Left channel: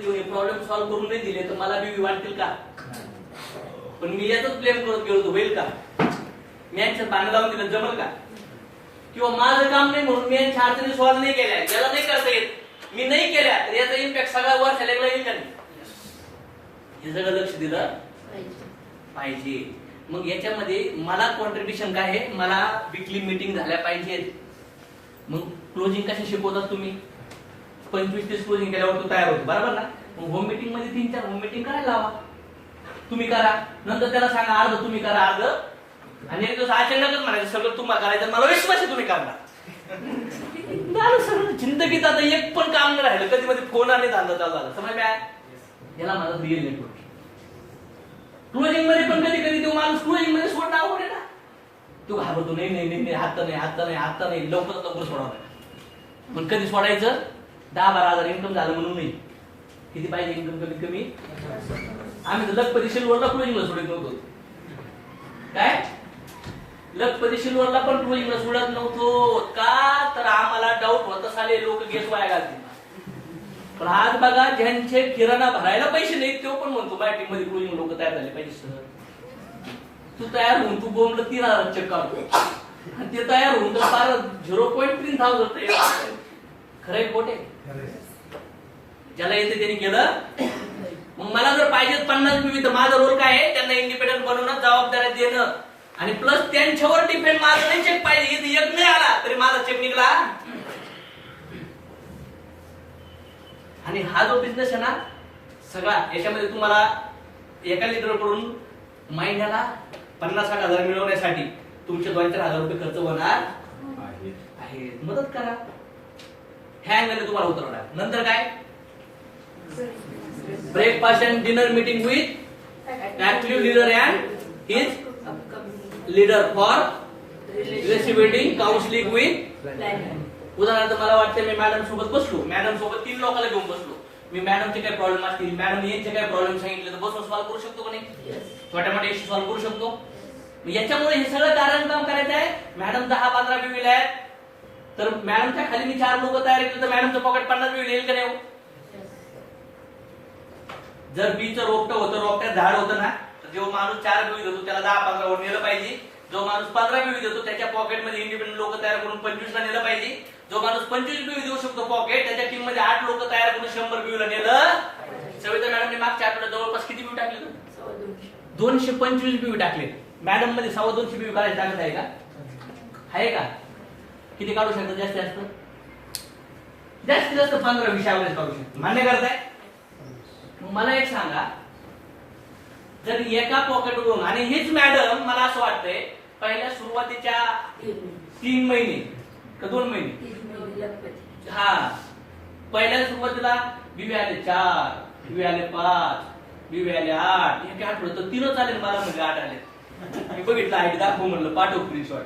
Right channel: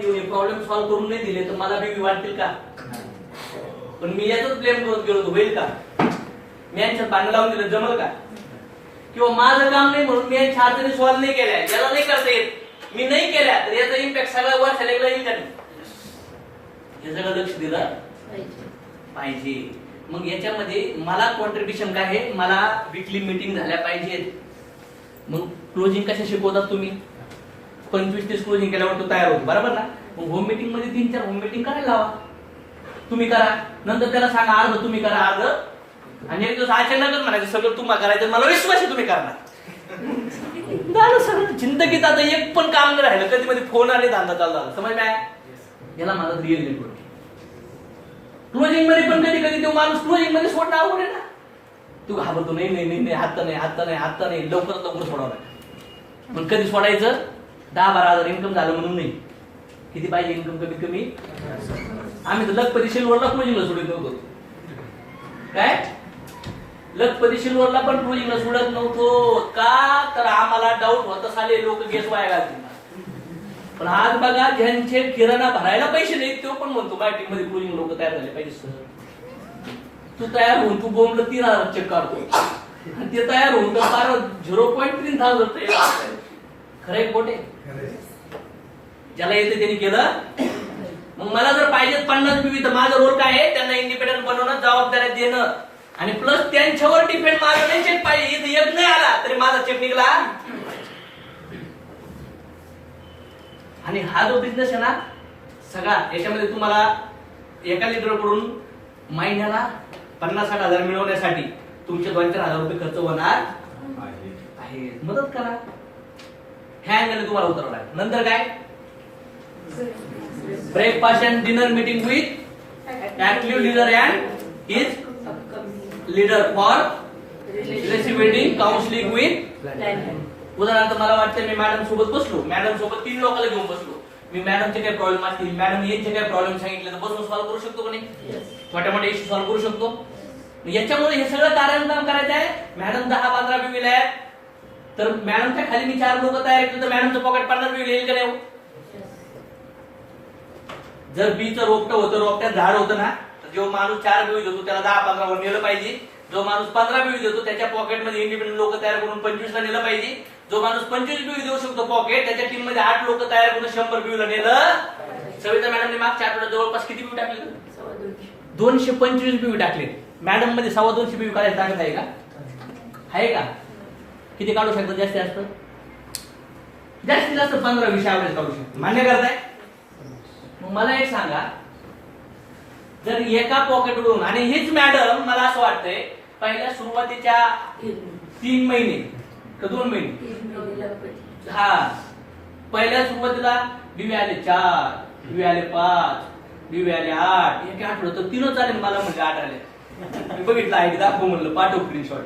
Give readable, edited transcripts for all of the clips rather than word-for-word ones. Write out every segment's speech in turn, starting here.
मध्ये येऊन problem solve करून नाही दिले तर मला बी वाटतील का? पण मी याच ब्लेम करत गेलो तो होईल का? मी यांच्यात भांडण लावून दिलं जमल का? किंवा माझं काम नाही म्हणून मी यांच्या अडचणी सॉल्व्ह नाही केल्या, याला नाही करता येत, मी नाही केल्या तर याचा इम्पॅक्ट सगळ्या वर्षाला येईल का नाही? हे सगळं लक्ष दिलं पाहिजे. मग याच्यामध्ये मला कॉन्ट्रीब्युशन काय आहे? मला वीकली मीटिंग झाल्या पाहिजेत. मग क्लोजिंग कशा शिकवतात तुम्ही? 25-30 क्लोजिंग केल्यावर तो तयार होतो, बरोबर ना? मग होम मीटिंग मध्ये 3-4 होम मीटिंग करायला लावा. तुम्ही करा, नंतर त्याला सांगा अर्ध तुम्ही करा अर्ध, आणि एक दिवस अचानकच म्हणायचं सगळं तुम्हाला करायचं, मला विश्वास आहे तुम्ही करणार. सगळं जिंदगीत आता एक पण काम नाही राहिलं, कधी मध्ये फोन आले धंदा चालू झाला, समज नाही? याला माझा रिअल नेटवर्क. क्लोजिंग मध्ये पण कधी कधी तो माणूस क्लोजिंग मध्ये सोडणं अवघड आहे ना. तो घाबरतो, नाही नाही नाही आता नाही आता नाही आता नाही, लवकरात लवकर सोडावं. पण कधी सोडायचं? 10-12 हजार इन्कम झालं म्हणून नाही. किती पाहिजे इन्कम? कमीत कमी. आम्ही तर लखपती सिल्वरला क्लोजिंगला सोडत नव्हतो. काय? लखपती सिल्वरला पण क्लोजिंगला सोडत नव्हतो का? तर आम्हाला डाऊट होता साले लोक गेस वाया घालतील. पण आज बघा ज्यांचे किराणा भरायला पैसे नाहीत तो पण म्हणतो माझ्या टीम मध्ये क्लोजिंग लोक तयार झाले पाहिजे. सर तू तयार होऊन तू बोंबलं 3000 चेक काढतो आणि ते तयार होऊन तर फार 0.3000 खरंय खोटे? ज्याला येते त्यांनी केलं. मग मला जर पाहिजे 50 बीबी तर माझा रोल काय आहे? त्यांना इंडिपेंडंट बनवणं, जबाबदाऱ्या देणं, आणि प्लस त्यांच्यावर डिपेंड माझा नाही चेक पाहिजे. इथे एक नाही आला तरी माझा चेक निघला. आणि हा जो बिझनेस आहे ना सगळा, याच्यामध्ये तुम्हाला एका लीडर कडून महिन्याला 50-60 हजार मिळवण्यासाठी तुमचे 2-4 हजार रुपये खर्च होणार आहे. मदत करा. ह्या अँगलने तुम्हाला उतरवणार. नंतर काय? Breakfast and dinner meeting with active leader and his leader for relationship building counselling with. उदाहरणार्थ मला वाटतं मी मॅडम सोबत बसलो, मॅडम सोबत 3 लोकांना घेऊन बसलो, मी मॅडमचे काय प्रॉब्लेम असतील, मॅडम यांचे काय प्रॉब्लेम सांगितले तर बसून सॉल्व्ह करू शकतो का नाही? छोट्या मोठ्या इश्यू सॉल्व्ह करू शकतो. याच्यामुळे हे सगळं कारण काम करायचं आहे. मॅडम 10-15 बीवी आहेत तर मॅडमच्या खाली मी 4 लोक तयार केले तर मॅडमचं पॉकेट 50 बीवी येईल का नाही? जर बीचं रोपटं होतं, रोपट्यात झाड होतं ना, तर जो माणूस 4 बीवी देतो त्याला 10-15 वर नेलं पाहिजे. जो माणूस 15 बीवी देतो त्याच्या पॉकेटमध्ये इंडिपेंडंट लोक तयार करून 25 ला नेलं पाहिजे. जो माणूस 25 बीवी देऊ शकतो पॉकेट, त्याच्या टीम मध्ये 8 लोक तयार करून 100 बीवीला नेलं. सविता मॅडमने मागच्या आठवड्यात जवळपास किती बीवी टाकले? 225 बीवी टाकले. मॅडम मध्ये 250 बीवी करायची ताकद आहे का? आहे का? किती काढू शकतो? जास्तीत जास्त 15-20 ऍव्हरेज काढू शकतो. मान्य करताय? मला एक सांगा, जर एका पॉकेटवरून, आणि हीच मॅडम मला असं वाटतंय पहिल्या सुरुवातीच्या 3 महिने का 2 महिने, हा पहिल्या सुरुवातीला बीवी आले 4, बीवी आले 5, बीवी आले 8, एक आठवलं तर 3 आले. मला म्हणजे 8 आले. मी बघितलं आयडी दाखव म्हणलं, पाठव स्क्रीनशॉट.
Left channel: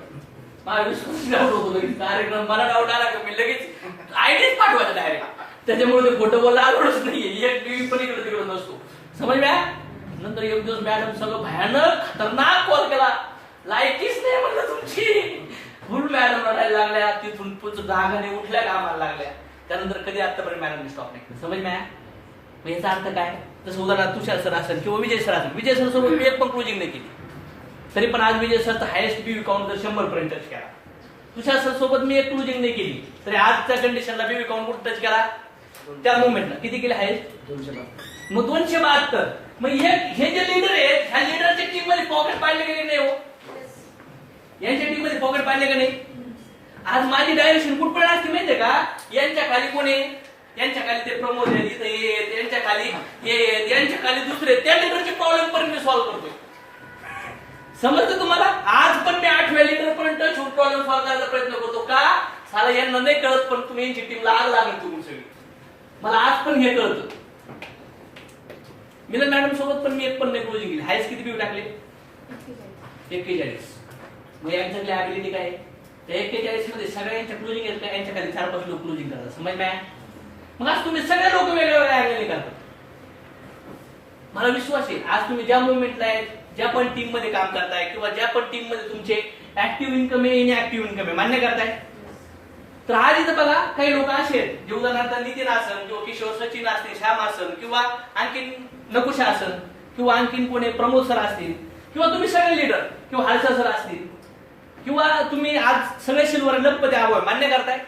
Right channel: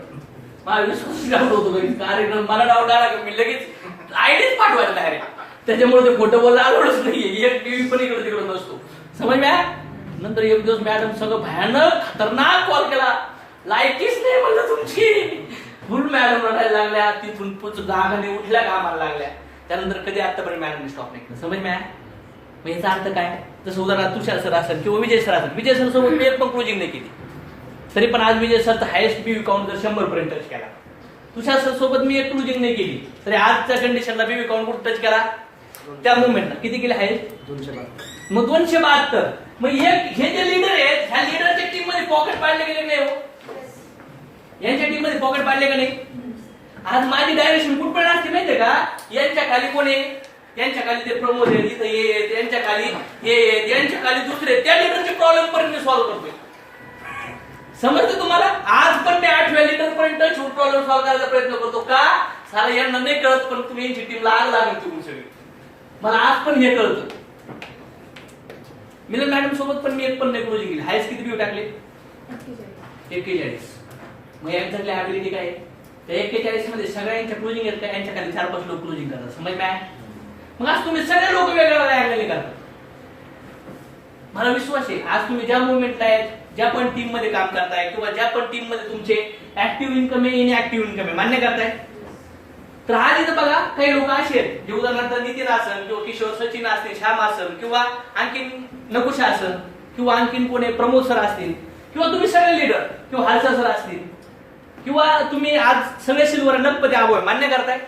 मला विश्वास डाऊट होतो कार्यक्रम, मला डाऊट आला की मी लगेच आयडीच पाठवायला डायरेक्ट. त्याच्यामुळे ते फोटो बोलला आलोच नाहीये. एक बीवी पण इकडे तिकडे नसतो, समजल्या? नंतर एक दिवस मॅडम सगळं भयानक खतरनाक कॉल केला, लायकीच नाही म्हणलं तुमची. फुल मॅडम रडायला लागल्या, तिथून पुढ गागाने उठल्या कामाला लागल्या. त्यानंतर कधी आतापर्यंत मॅडमने स्टॉप नाही. समज मॅ मग याचा अर्थ काय? जसं उदाहरणार्थ तुषार सर असेल किंवा विजय सर असेल, विजय सर सोबत मी एक पण क्लोजिंग नाही केली तरी पण आज विजय सरचा हायेस्ट बीवी काउंट जर 100 पर्यंत टच केला. तुषार सर सोबत मी एक क्लोजिंग नाही केली तरी आजच्या कंडिशनला बीवी काउंट कुठं टच केला? त्या मुवमेंटला किती केले? हायेस्ट 272. मग 272. मग हे जे लीडर आहेत, ह्या लीडरच्या टीम मध्ये पॉकेट पाडले गेले नाही हो? यांच्या टीम मध्ये पॉकेट पाडले का नाही? आज माझी डायरेक्शन कुठपर्यंत असते माहितीये का? यांच्या खाली कोण आहे? यांच्या खाली ते प्रमोद आहेत, इथे येत, यांच्या खाली हे आहेत, यांच्या खाली दुसरे, त्या लीडरचे प्रॉब्लेम पर्यंत सॉल्व्ह करतोय. समजतं तुम्हाला? आज पण मी 8व्या लीडर पर्यंत प्रॉब्लेम सॉल्व्ह करायचा प्रयत्न करतो. का? सारा यांना नाही कळत, पण तुम्ही यांची टीमला आग लागेल तुम्ही सगळी. मला आज पण हे कळतं. मिलन मॅडम सोबत पण मी एक पण नाही क्लोजिंग केली. हायस्ट किती बीवी टाकले? 41. मग एक्झॅक्टली ऍबिलिटी काय? त्या 41 मध्ये सगळ्यांच्या क्लोजिंग येत नाही, यांच्या खाली 4-5 लोक क्लोजिंग करतात. समज मॅ? मग आज तुम्ही सगळे लोक वेगळ्या वेगळ्या अँगलने करता. मला विश्वास आहे आज तुम्ही ज्या मुवमेंटला आहेत, ज्या पण टीम मध्ये काम करताय किंवा ज्या पण टीम मध्ये तुमचे ऍक्टिव्ह इन्कम आहे, इनऍक्टिव्ह इन्कम आहे, मान्य करताय? तर आज इथं बघा काही लोक असे आहेत जे उदाहरणार्थ नितीन असेल किंवा किशोर सचिन असतील, श्याम असेल किंवा आणखीन नकुशा असेल किंवा आणखीन कोणी प्रमोद सर असतील किंवा तुम्ही सगळे लीडर किंवा हालसा सर असतील किंवा तुम्ही आज सगळे सिल्वर लखपती आवड मान्य करताय.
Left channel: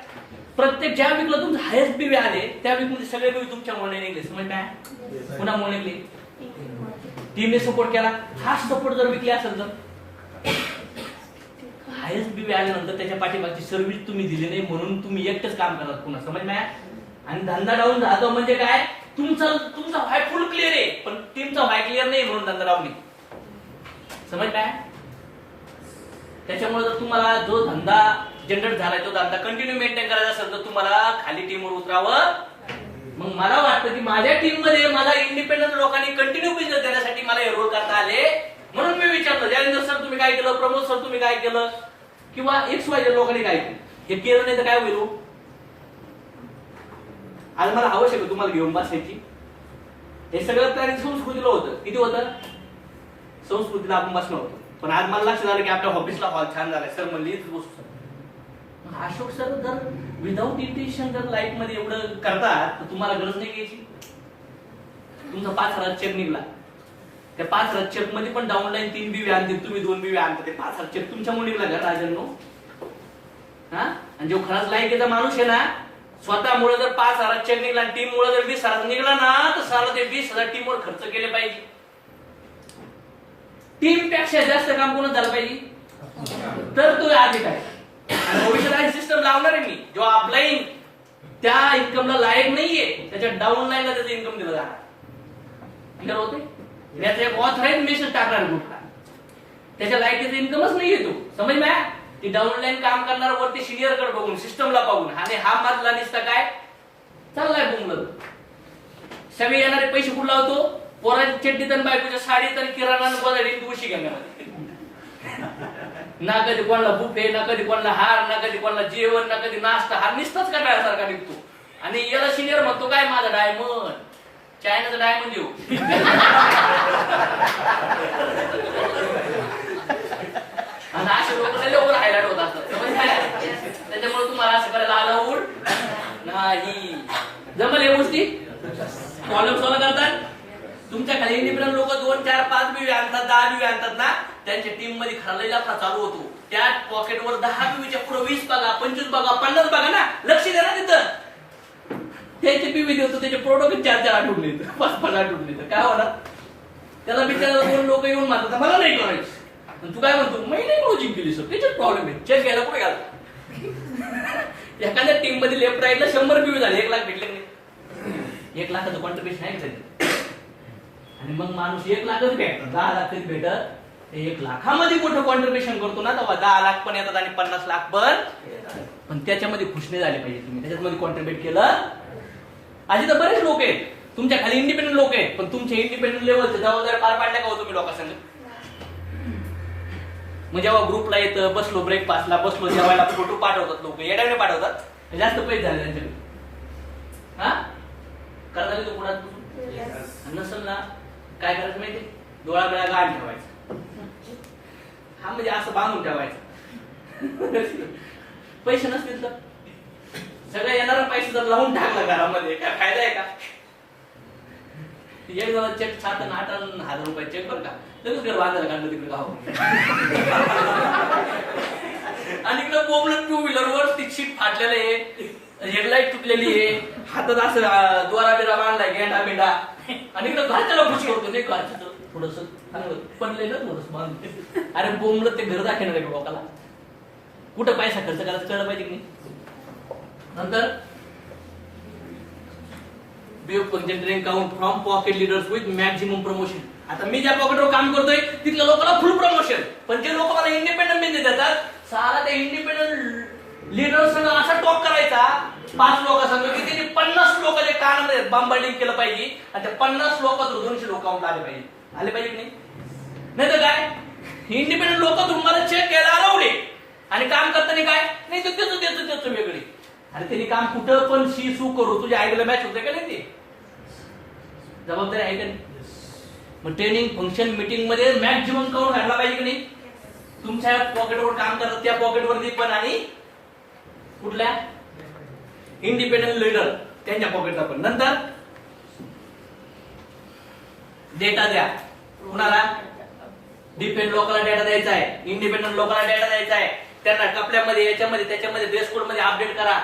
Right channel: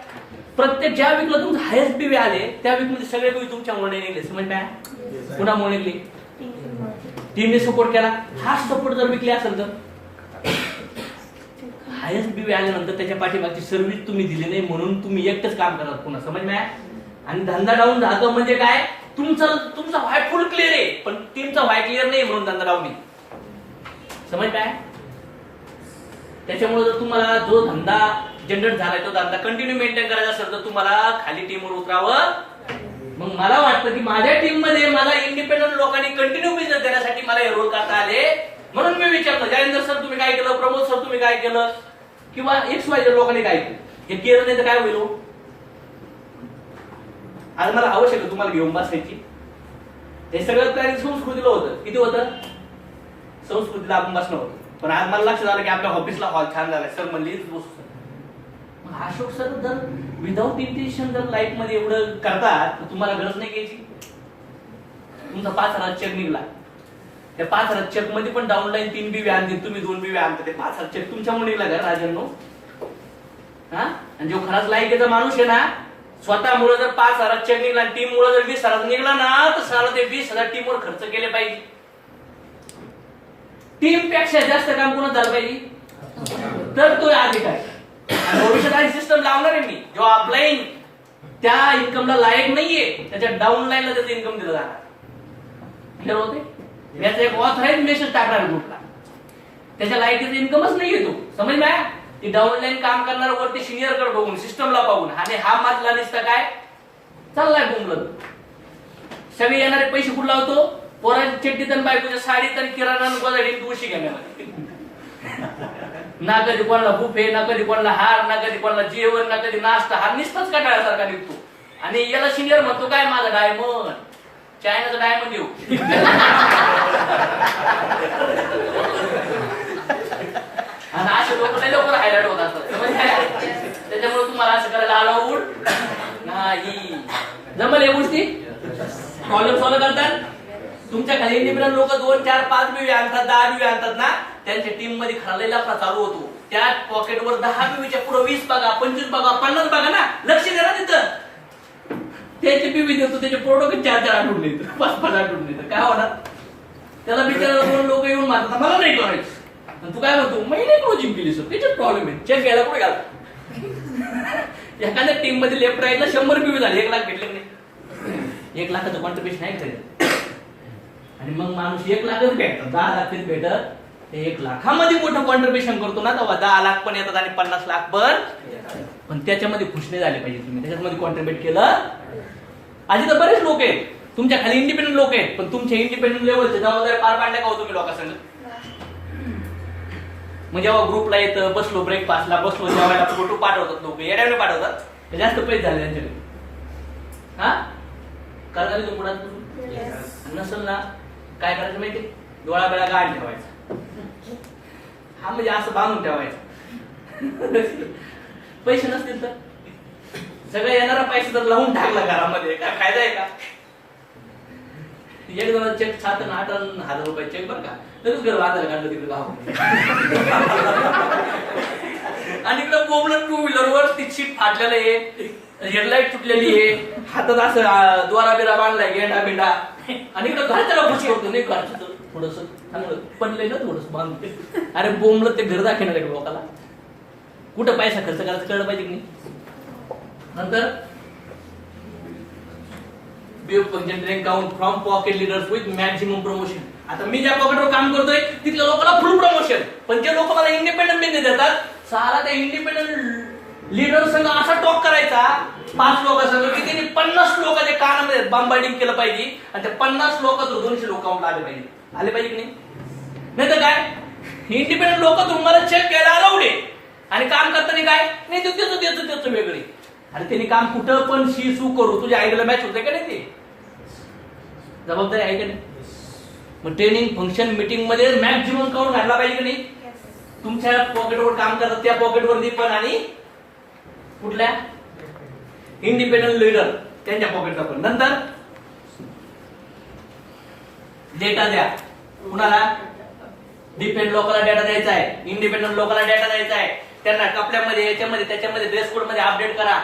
प्रत्येक ज्या वीकला तुमचं हायस्ट बीवी आले त्या वीक मध्ये सगळे बीवी तुमच्यामुळे निघले. समज काय कुणामुळे निघले? टीमने सपोर्ट केला. हा सपोर्ट जर विकले असेल तर हायस्ट बीवी आल्यानंतर त्याच्या पाठीमागची सर्व्हिस तुम्ही दिली नाही म्हणून तुम्ही एकटंच काम करतात पुन्हा. समज मॅ आणि धंदा डाऊन राहतो म्हणजे काय? तुमचा व्हाय फुल क्लिअर आहे पण टीमचा व्हाय क्लिअर नाही म्हणून धंदा डाऊन नाही. समज काय? त्याच्यामुळे जर तुम्हाला जो धंदा जनरेट झालाय तो धंदा कंटिन्यू मेंटेन करायचा असेल तर तुम्हाला खाली टीमवर उतरावं. मग मला वाटतं की माझ्या टीम मध्ये मला इंडिपेंडंट लोकांनी कंटिन्यू बिझनेस देण्यासाठी मला हे रोल करता आले म्हणून मी विचारलं जयेंद्र सर तुम्ही काय केलं, प्रमोद सर तुम्ही काय केलं किंवा XYZ लोकांनी काय केलं. हे केलं नाही तर काय होईल? आज मला आवश्यक आहे तुम्हाला घेऊन बसायची. हे सगळं प्लॅनिंग संस्कृतीला होतं. किती होतं? संस्कृतीला आपण बसणं होतं. पण आज मला लक्षात आलं की आपल्या ऑफिसला हॉल छान झालाय. सर म्हणले इथेच बसू. मग अशोक सर जर विदाऊट इंटेन्शन जर लाईफ मध्ये एवढं करतात तर तुम्हाला गरज नाही घ्यायची. तुमचा 5,000 चेक निघला. त्या 5,000 चेक मध्ये पण डाऊनलाईन 3 बीवी आणते, तुम्ही 2 बीवी आणता. ते 5,000 चेक तुमच्यामुळे निघला का राजननो? हा आणि जो खराच लायकीचा माणूस आहे ना स्वतःमुळे जर 5,000 चेक निघला आणि टीम मुळे जर 20,000 निघला ना तर साला ते 20,000 टीमवर खर्च केले पाहिजे. टीम पेक्षा जास्त काम कोण झालं पाहिजे तर तो अधिक आहे. आणि भविष्यात सिस्टम लावणार आहे मी जो अपलाईन त्या इन्कमला लायक नाहीये त्याच्या डाऊन लाईनला त्याचं इन्कम दिलं जाणार. क्लिअर होते? याचा एक ऑथराईज मेसेज टाकणार ग्रुपला. त्याच्या लायकीचं इन्कमच नाहीये तो. समज ना ती डाऊन लाईन काम करणार वरती सिनियर कडे बघून सिस्टमला बघून आणि हा मधला निसता काय चाललाय बोंबलत. सगळे येणारे पैसे कुठला होतो? पोराची चड्डीत आणि बायकोच्या साडीत आणि किराणा गोदाडी तुळशी घेण्यामध्ये. ना कधी कोणाला बुफे, ना कधी कोणाला हार, ना कधी कोणाला जेवण, ना कधी नाश्ता. हा निसताच कटाळ्यासारखा निघतो. आणि याला सिनियर म्हणतो काय माझा डायमंड चायनाचा डायमंड येऊ. आणि असे लोक लवकर हायलाइट होत असतात. त्याच्यामुळे तुम्हाला असं करायला अलाउड नाही. जमल या गोष्टी प्रॉब्लेम सॉल्व्ह करतात. तुमच्या खाली इंडिपेंडंट लोक 2, 4, 5 बीवी आणतात, 10 बीवी आणतात ना त्यांच्या टीम मध्ये खरलेला चालू होतो. त्या पॉकेटवर 10 बीवीच्या पुढे 20 बघा, 25 बघा, 50 बघा ना. लक्ष द्या ना तिथं. त्याचे बीवी देतो त्याचे प्रोडक्ट 4-4 आठवून येतं, 5-5 आठवून येतं. काय होणार? त्याला बिचारा 2 लोक येऊन मारतात मला नाही करायचं. तू काय म्हणतो मी नाही क्लोजिंग केली सर. त्याच्यात प्रॉब्लेम आहे. चेक घ्यायला कुठे घाल. एखाद्या टीम मध्ये लेफ्ट राईटला 100 बीवी झाले 1 लाख भेटले नाही. 1 लाखाचं कॉन्ट्रिब्युशन आहे आणि मग माणूस 1 लाखच भेटत 10 लाख भेटत. 1 लाखामध्ये मोठं कॉन्ट्रिब्युशन करतो ना तेव्हा 10 लाख पण येतात आणि 50 लाख पण त्याच्यामध्ये खुश नाही झाले पाहिजे. तुम्ही त्याच्यामध्ये कॉन्ट्रिब्युट केलं. आधी तर बरेच लोक आहेत तुमच्या खाली इंडिपेंडंट लोक आहेत पण तुमच्या इंडिपेंडंट लेवलचे जबाबदारी पार पाडल्या का हो तुम्ही लोकांसंग? मग जेव्हा ग्रुपला येतं बसलो ब्रेकफास्टला बसलो जेवायला फोटो पाठवतात लोक येड्याने पाठवतात. जास्त पैसे झाले त्यांच्याकडे. हा करता तो पुढे नसल ना काय करायचं माहिती? डोळा बेळा गाड ठेवायचा. हा म्हणजे असं बांधून ठेवायचं. पैसे नसतील तर सगळं येणारा पैसे जर लावून टाकला घरामध्ये काय फायदा आहे का? 1 चेक 7-8 हजार रुपये चेक बरं का लगेच घर बांधायला काढलं तिकडे गाव. आणि इकडे बोबलं 2 व्हीलरवर ती सीट फाटलेलं आहे, हेडलाईट तुटलेली आहे, हातात असं द्वारा बिरा बांधलाय गेंडा बिंडा आणि इकडे घर त्याला खुशी होतो नाही घरचं थोडस चांगलं पडले ना थोडस बांधते. अरे बोंबलं ते घर दाखवणार लोकांना. कुठं पैसा खर्च करायचं कळलं पाहिजे की नाही? नंतर generating count from pocket leaders with maximum promotion. आता मी ज्या पॉकेटवर काम करतोय तिथल्या लोकांना फुल प्रमोशन. पण जे लोक मला इंडिपेंडंट बिझनेस देतात सारा त्या इंडिपेंडंट लीडर संघ असा टॉक करायचा 5 लोकांसंग की त्यांनी 50 लोकांच्या कानामध्ये बॉम्बार्डिंग केलं पाहिजे आणि त्या 50 लोकांचं 200 लोक काउंट आले पाहिजे की नाही? नाही तर काय इंडिपेंडंट लोक तुम्हाला चेक घ्यायला अलाउड आहे आणि काम करताना काय नाही त्याचं वेगळे. अरे त्यांनी काम कुठं पण सू करू तुझ्या आईला मॅच होते का नाही? ते जबाबदारी आहे का नाही? मग ट्रेनिंग फंक्शन मीटिंग मध्ये मॅक्झिमम काउंट घातला पाहिजे की नाही? तुमच्या पॉकेटवर काम करतात त्या पॉकेटवरती पण आणि कुठल्या इंडिपेंडंट लीडर त्यांच्या पॉकेटचा पण. नंतर डेटा द्या. कुणाला? डिपेंड लोकांना डेटा द्यायचा आहे, इंडिपेंडंट लोकांना डेटा द्यायचा आहे. त्यांना कपड्यामध्ये याच्यामध्ये त्याच्यामध्ये ड्रेस कोड मध्ये अपडेट करा.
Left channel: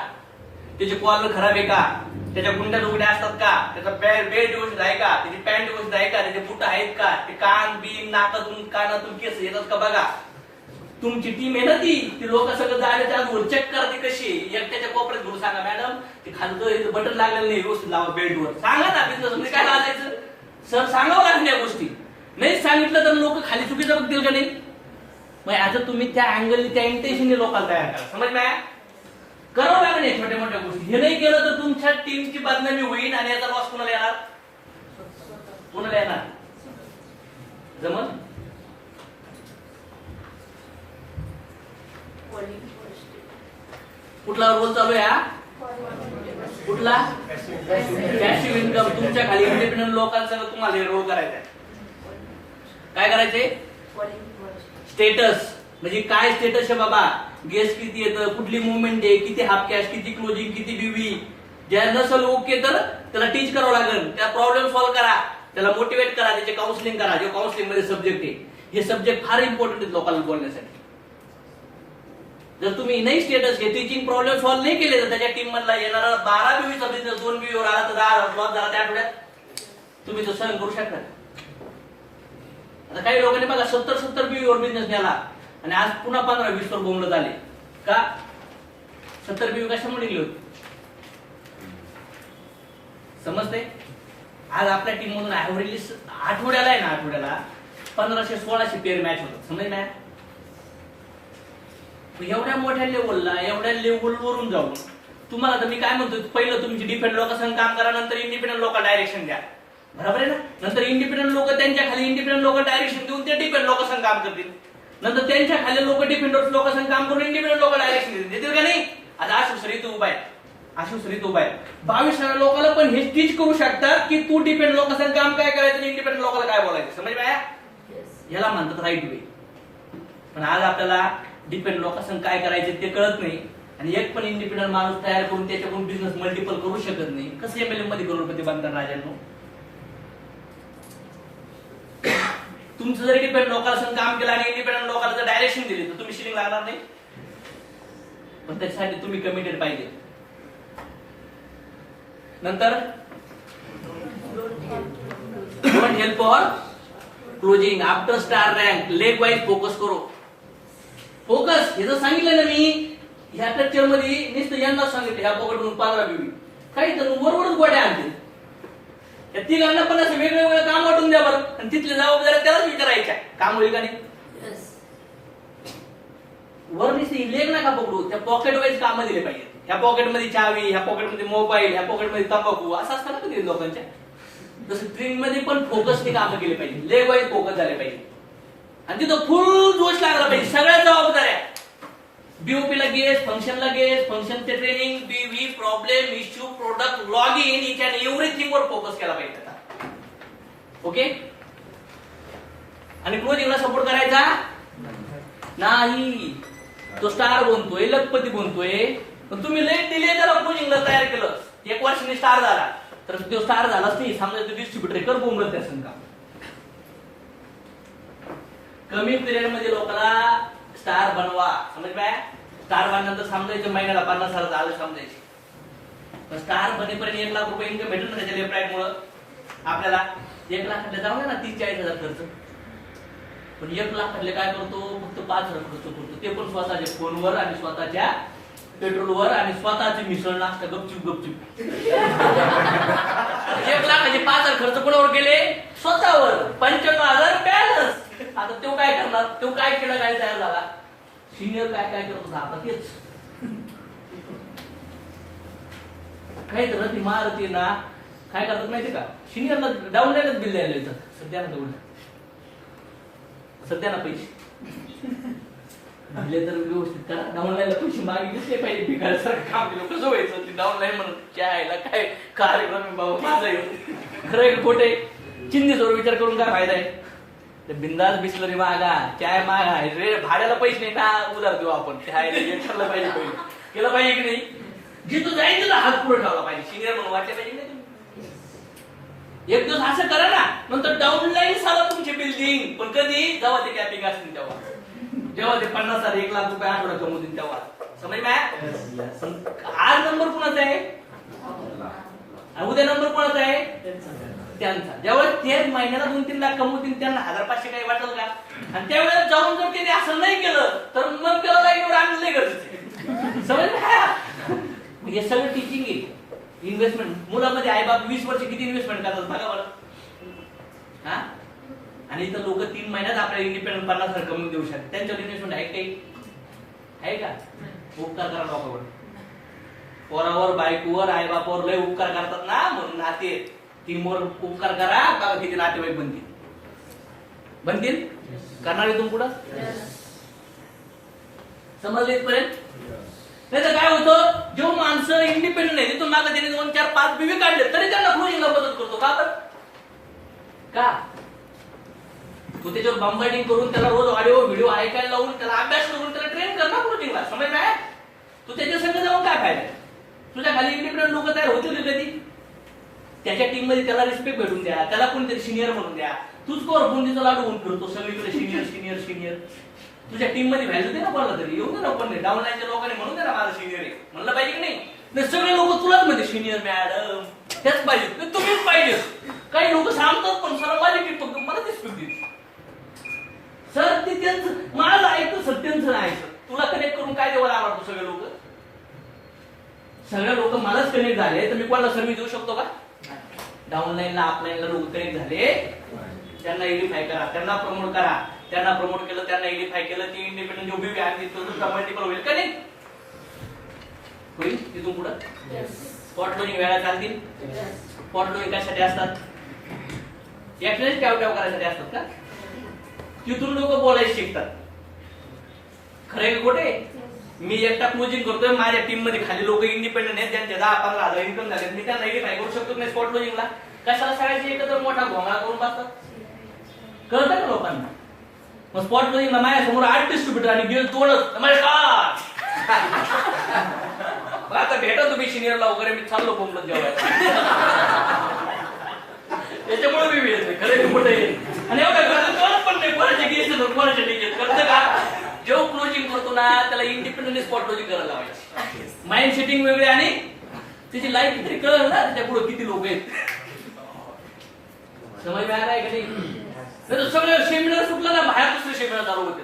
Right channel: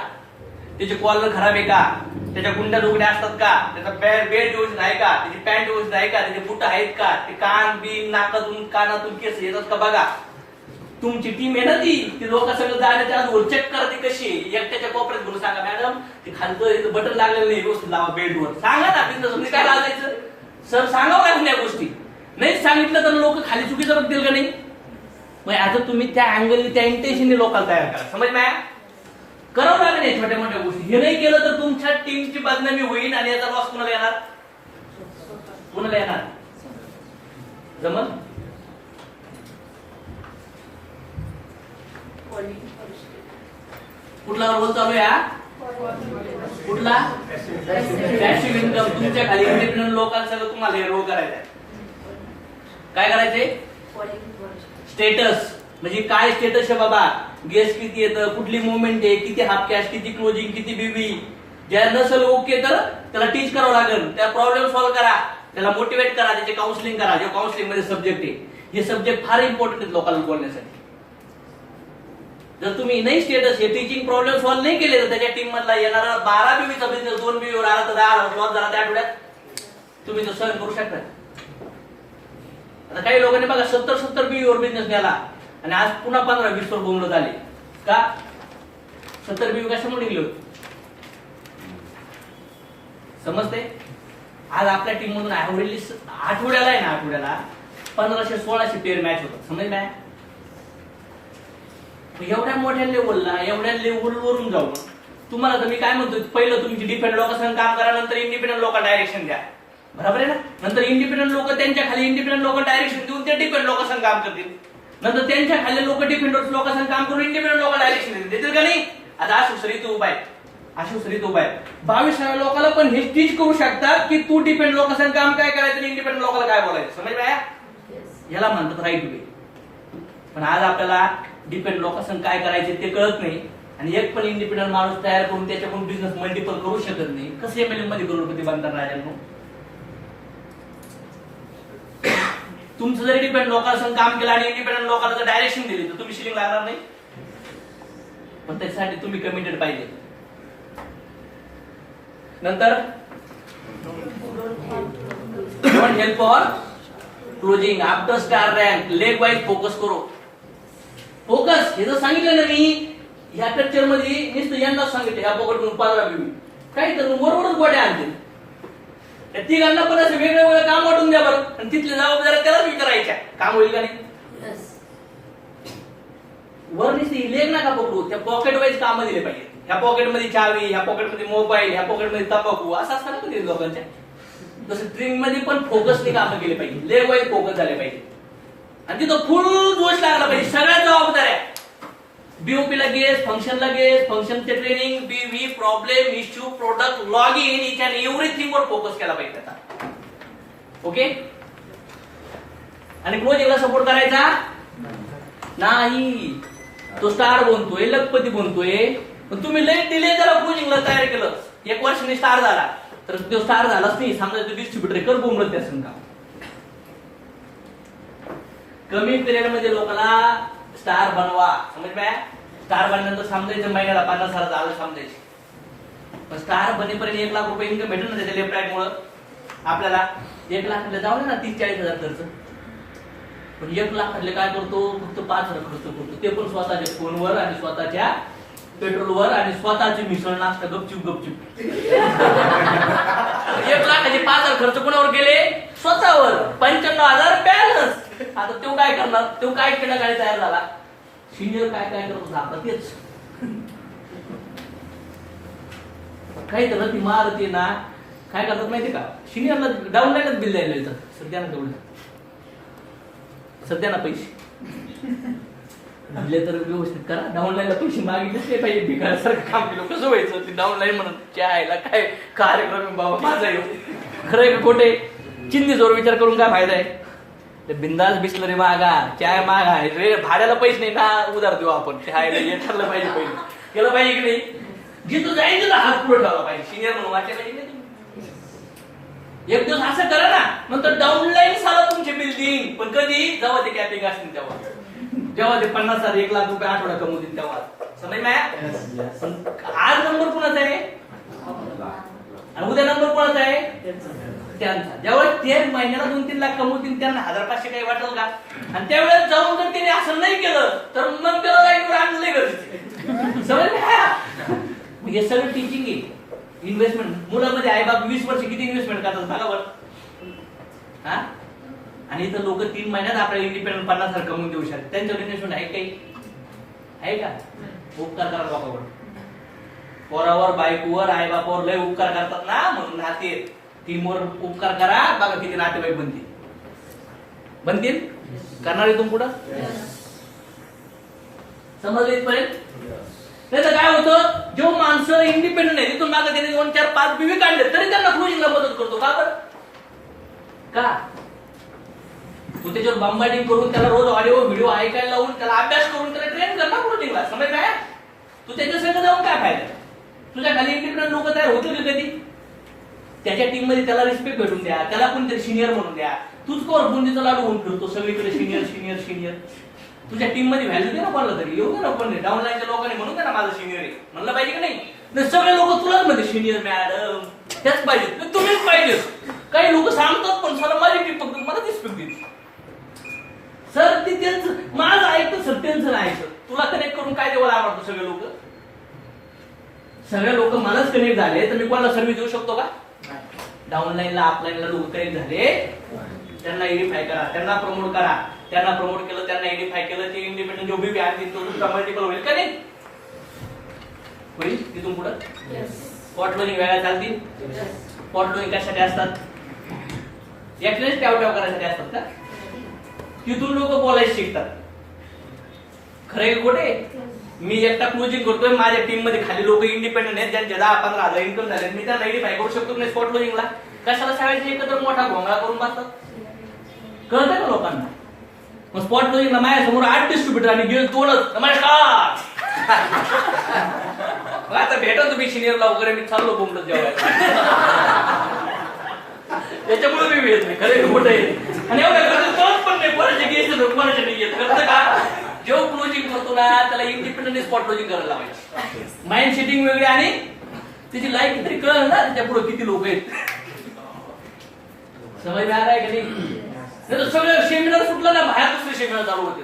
त्याची कॉलर खराब आहे का, त्याच्या गुंड्या दुगड्या असतात का, त्याचा बेल्ट व्यवस्थित आहे का, त्याची पॅन्ट व्यवस्थित आहे का, त्याचे बुट आहेत का, ते कान बिन नाकातून कानातून केस येतात का बघा. तुमची टीम आहे ना ती लोक सगळं जाण्याच्या आधी चेक करा ती कशी आहे. एकट्याच्या कोपऱ्यात घेऊन सांगा मॅडम ते खालचं बटन लागलेलं नाही व्यवस्थित लावा बेल्टवर. सांगा ना बिझनेस काय लावायचं सर, सांगावं लागेल या गोष्टी. नाही सांगितलं तर लोक खाली चुकीचं बघतील का नाही. मग आता तुम्ही त्या अँगल त्या इंटेन्शनने लोकांना तयार करा. समज नाही करावं लागेल नाही छोट्या मोठ्या गोष्टी. हे नाही केलं तर तुमच्या टीमची बदनामी होईल आणि याचा लॉस कुणाला येणार? कुणाला येणार? जमल? कुठला रोल चालू आहे? कुठला? Passive income. तुमच्या खाली इंडिपेंडंट लोकांसंग तुम्हाला रोल करायचा आहे. काय करायचे? स्टेटस म्हणजे काय स्टेटस आहे बाबा, गेस किती येतं, कुठली मुवमेंट आहे, किती हाफ कॅश, किती क्लोजिंग, किती बीबी. ज्या नसल ओके तर त्याला टीच करावं लागेल, त्या प्रॉब्लेम सॉल्व्ह करा, त्याला मोटिवेट करा, त्याचे काउन्सिलिंग करा. जे काउन्सिलिंग मध्ये सब्जेक्ट आहे हे सब्जेक्ट फार इम्पॉर्टंट आहेत लोकांना बोलण्यासाठी. जर तुम्ही नाही स्टेटस हे टीचिंग प्रॉब्लेम सॉल्व्ह नाही केले तर त्याच्या टीम मधला येणारा 12 बीवीचा बिझनेस 2 बीवीवर आला तर 10 लॉस झाला त्या आठवड्यात तुम्ही तो सहन करू शकता. आता काही लोकांनी बघा 70 बीवीवर बिझनेस नेला आणि आज पुन्हा 15-20 वर बोंबलं झाले का? 70 बीवी कशामुळे निघली होती समजते? आज आपल्या टीम मधून ऍव्हरेज आठवड्याला आहे ना, आठवड्याला 1500-1600 पेअर मॅच होतात. समज मॅच एवढ्या मोठ्या लेवलला, एवढ्या लेवलवरून जाऊन तुम्हाला तर मी काय म्हणतो, पहिलं तुमची डिपेंड लोकांसंग काम करा, नंतर इंडिपेंडंट लोकांना डायरेक्शन द्या. बरोबर आहे ना? नंतर इंडिपेंडंट लोक त्यांच्या खाली इंडिपेंडंट लोक डायरेक्शन देऊन ते डिपेंड लोकांसंग काम करतील. नंतर त्यांच्या खाली लोक डिपेंडंट लोकांसंग काम करून इंडिपेंडंट लोक डायरेक्शन देतील का नाही? आता आशुश्री तू उभा आहे, आशुश्री तू उभा आहे, 22 लोकांना पण हे टीच करू शकतात की तू डिपेंड लोकांसंग काम काय करायचं आणि इंडिपेंडंट लोकांना काय बोलायचं. समज बाया? याला म्हणतात राईट वे. पण आज आपल्याला डिपेंड लोकांसंग काय करायचे ते कळत नाही आणि एक पण इंडिपेंडंट माणूस तयार करून त्याच्याकडून बिझनेस मल्टिपल करू शकत नाही. कसे एमएलए मध्ये करोडपती बनतात राजांनो? तुमचं जर डिपेंड लोकांसंग काम केलं आणि इंडिपेंडंट लोकांना जर डायरेक्शन दिली तर तुम्ही शिलिंग लागणार नाही. पण त्याच्यासाठी तुम्ही कमिटेड पाहिजे. नंतर don't help for closing after star rank leg wise focus करो. फोकस हे जर सांगितलं ना मी ह्या टेक्चर मध्ये नुसतं यंदा सांगितलं ह्या पकडून 15 बीबी काही तर वरवरच गोड्या आणतील. त्या तिघांना पण असं वेगवेगळं काम वाटून द्या बरं आणि तिथल्या जबाबदाऱ्या त्यालाच विचारायच्या. काम होईल का नाही? वर नुसती लेग नका पकडू, त्या पॉकेट वाईज काम दिले पाहिजे. ह्या पॉकेटमध्ये चावी, ह्या पॉकेटमध्ये मोबाईल, ह्या पॉकेटमध्ये तंबाखू असं असतं ना कधी लोकांच्या. तसं ट्रेनिंग मध्ये पण फोकसने काम केले पाहिजे, लेग वाईज फोकस झाले पाहिजे आणि तिथं फुल जोश लागला पाहिजे. सगळ्या जबाबदाऱ्या बीओपीला गेस, फंक्शनला गेस, फंक्शनचे training, BV, problem, issue, product, log in, each and everything वर फोकस केला पाहिजे आता. ओके? आणि क्लोजिंगला सपोर्ट करायचा नाही. तो स्टार बनतोय, लखपती बनतोय, पण तुम्ही लई डिले त्याला क्लोजिंगला तयार केलं. 1 वर्षाने स्टार झाला तर तो स्टार झालाच नाही. समजा तो डिस्ट्रीब्युटर कर बोंबलं त्या संघ. कमी पिरियड मध्ये लोकांना स्टार बनवा. समज काय? स्टार बनल्यानंतर समजायचं महिन्याला 50,000 आलं समजायचं. पण स्टार बनेपर्यंत 1 लाख रुपये इन्कम भेटेल ना त्याच्या लेफ्ट मुळे. आपल्याला 1 लाखाला जाऊ ना 30-40,000 खर्च. पण 1 लाखातले काय करतो? फक्त 5,000 खर्च करतो, ते पण स्वतःच्या फोनवर आणि स्वतःच्या पेट्रोलवर आणि स्वतःची मिसळ नाश्ता गपचूप गपचूप. 1 लाखाचे 5,000 खर्च कोणावर गेले? स्वतःवर. 95,000 बॅलन्स. आता तो काय करणार? तो काय केलं? काय तयार झाला? सिनियर काय काय करत होता आता तेच काही तर ती मारते ना. काय करतात माहिती का? सिनियरला डाऊनलाईनच बिल द्यायला येतं. सध्या ना तेवढं सध्या ना पैसे दिले तर व्यवस्थित करा. डाऊनलाईनला पैसे मागितलेच नाही पाहिजे. भिकाऱ्यासारखं काम केलं कसं व्हायचं? ते डाऊनलाईन म्हणत चायला काय कार्यक्रम बाबा माझा येऊ खरं खोटे चिंधीजवळ विचार करून काय फायदा आहे? बिंदास बिस्लरी मागा, चाय मागा, रे भाड्याला पैसे नाही का उधार देऊ आपण. ठरलं पाहिजे, पहिले केलं पाहिजे की नाही? जिथं जाईल तिथं हात पुढे ठेवला पाहिजे, सिनियर म्हणून वाटलं पाहिजे नाही तुम्ही. एक दिवस असं करा ना, नंतर डाऊनलाईन झालं तुमची बिल्डिंग. पण कधी? जेव्हा ते कॅपिंग असतील तेव्हा, जेव्हा ते 50,000 1,00,000 रुपये आठवडा कमवतील तेव्हा. समज माया. आज नंबर कोणाचा आहे आणि उद्या नंबर कोणाचा आहे त्यांचा. जेव्हा ते महिन्याला 2-3 लाख कमवतील त्यांना 1,000-500 काही वाटेल का? आणि त्यावेळेस जाऊन जर त्याने असं नाही केलं तर मग त्याला लाईनवर आणलं नाही गरजेचं. समज हे सगळं टीचिंग आहे. इन्व्हेस्टमेंट मुलामध्ये आई बाप 20 वर्ष किती इन्व्हेस्टमेंट करतात बघा बरं. हा, आणि इथं लोक 3 महिन्यात आपल्याला इंडिपेंडंट 50,000 कमवून देऊ शकतात. त्यांच्यावर इन्व्हेस्टमेंट आहे काही? आहे का? उपकार करा लोकांवर, पोरावर, बायकोवर, आई बापावर लय उपकार करतात ना, म्हणून नाते टीमवर उपकार करा. बघा किती नातेवाईक बनतील. करणार आहे तुम्ही पुढं? समजलं इथपर्यंत? नाही तर काय होतं, जेव्हा माणसं इंडिपेंडंट आहे तिथून मागे त्यांनी 2, 4, 5 बीवी काढले तरी त्यांना क्लोजिंगला मदत करतो. का बरं? का? तू त्याच्यावर बंबायडिंग करून त्याला रोज ऑडिओ व्हिडिओ ऐकायला लावून त्याला अभ्यास करून त्याला ट्रेन करणार क्लोजिंगला. समज काय? तू त्याच्या संग जाऊन काय फायदा? तुझ्या खाली इंडिपेंडंट लोक तयार होतील कधी? त्याच्या टीम मध्ये त्याला रिस्पेक्ट भेटून द्या, त्याला कोणतरी सिनियर म्हणून द्या. तूच कोण बुंदीचा लाडू होऊन फिरतो सगळीकडे सिनियर सिनियर सिनियर. तुझ्या टीम मध्ये व्हॅल्यू दे ना कोणाला तरी. येऊ दे ना पण डाऊनलाईनच्या लोकांनी म्हणून दे ना माझा सिनियर आहे म्हणलं पाहिजे की नाही? सगळे लोक तुलाच मध्ये सिनियर मॅडम त्याच पाहिजे, तुम्हीच पाहिजे. काही लोक सांगतात पण सर माझी टीम फक्त मला रिस्पेक्ट देते. सर ते त्यांचं माझं ऐकतं, सर त्यांचं नाही ऐकत. तुला कनेक्ट करून काय देवाला आवडतो? सगळे लोक मलाच कनेक्ट झाले तर मी कोणाला सर्व्हिस देऊ शकतो का? डाऊनलाईनला अपलाईनला लोक कनेक्ट झाले, त्यांना एडिफाय करा, त्यांना प्रमोट करा. त्यांना प्रमोट केलं, त्यांना एडिफाय केलं, ते इंडिपेंडंट जो बी आणतील तो मल्टिपल होईल का नाही? होईल तिथून पुढं. स्पॉट लोनिंग वेळा चालतील. स्पॉट लोनिंग कशासाठी असतात? एकट्यानेच ट्याव करायसाठी असतात का? तिथून लोक बोलायला शिकतात. खरे खोटे? मी एकटा क्लोजिंग करतोय, माझ्या टीम मध्ये खाली लोक इंडिपेंडंट आहेत ज्यांचे 10-15 हजार इन्कम झाले, मी त्यांना एडिफाय करू शकतो नाही स्पॉट क्लोजिंगला. कशाला सगळ्यांचे एकत्र मोठा घोंगडा करून बसतात? कळतंय का लोकांना? मग स्पॉट क्लोजिंगला माझ्या समोर 8 डिस्ट्रीब्युटर आणि गेल तोडत नमस्कार आता भेटा तुम्ही सिनियरला वगैरे, मी चाललो बोंबलत जेवायला. त्याच्यामुळे मी भेट नाही खरे मोठं आहे. आणि एवढा करत पण नाही, कोणाचे गेस कोणाचे नाही येत. करतं का? जेव्हा क्लोजिंग करतो ना त्याला इंडिपेंडंट स्पॉट क्लोजिंग करायला लावायची. माइंड सेटिंग वेगळी आणि त्याची लाईफ तरी कळलं ना त्याच्या पुढे किती लोक आहेत. समज मिळाला आहे का नाही? सगळं सेमिनार सुटलं ना बाहेर दुसरे सेमिनार चालू होते.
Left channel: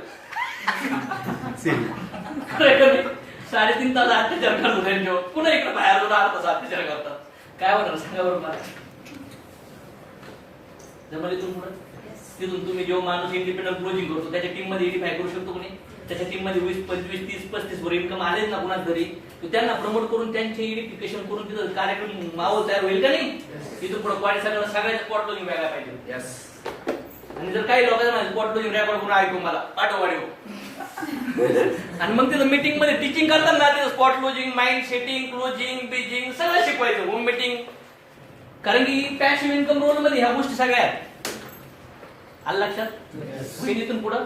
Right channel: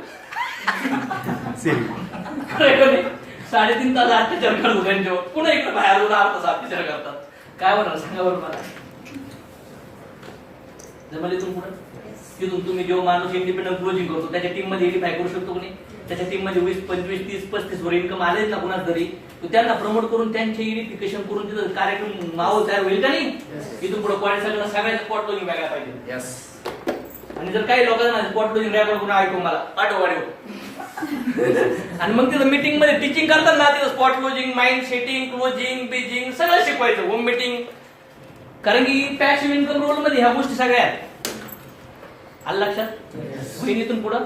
3.5 तास अत्याचार करतो त्यांच्यावर, पुन्हा इकडे बाहेर 10 तास अत्याचार करतात. काय होणार सांगा बरोबर मला? जमले इथून पुढे? तिथून तुम्ही जेव्हा माणूस इंडिपेंडंट क्लोजिंग करतो त्याच्या टीम मध्ये एडिफाय करू शकतो कोणी? त्याच्या टीम मध्ये 20, 25, 30, 35 वर इन्कम आले ना कुणाच तरी, त्यांना प्रमोट करून त्यांचे एडिफिकेशन करून तिथं कार्यक्रम माहोल तयार होईल का नाही? इथून पुढे पॉईंट सगळ्याच्या स्पॉट क्लोजिंग व्हायला पाहिजे. आणि जर काही लोकांना स्पॉट क्लोजिंग रेकॉर्ड करून ऐकू मला पाठव आणि मग तिथं मीटिंग मध्ये टीचिंग करतात ना, तिथं spot closing, mind setting, closing, Beijing सगळं शिकवायचं. Home meeting. कारण की पॅसिव्ह इन्कम रोल मध्ये ह्या गोष्टी सगळ्या आहेत. आलं लक्षात? होईल इथून पुढं.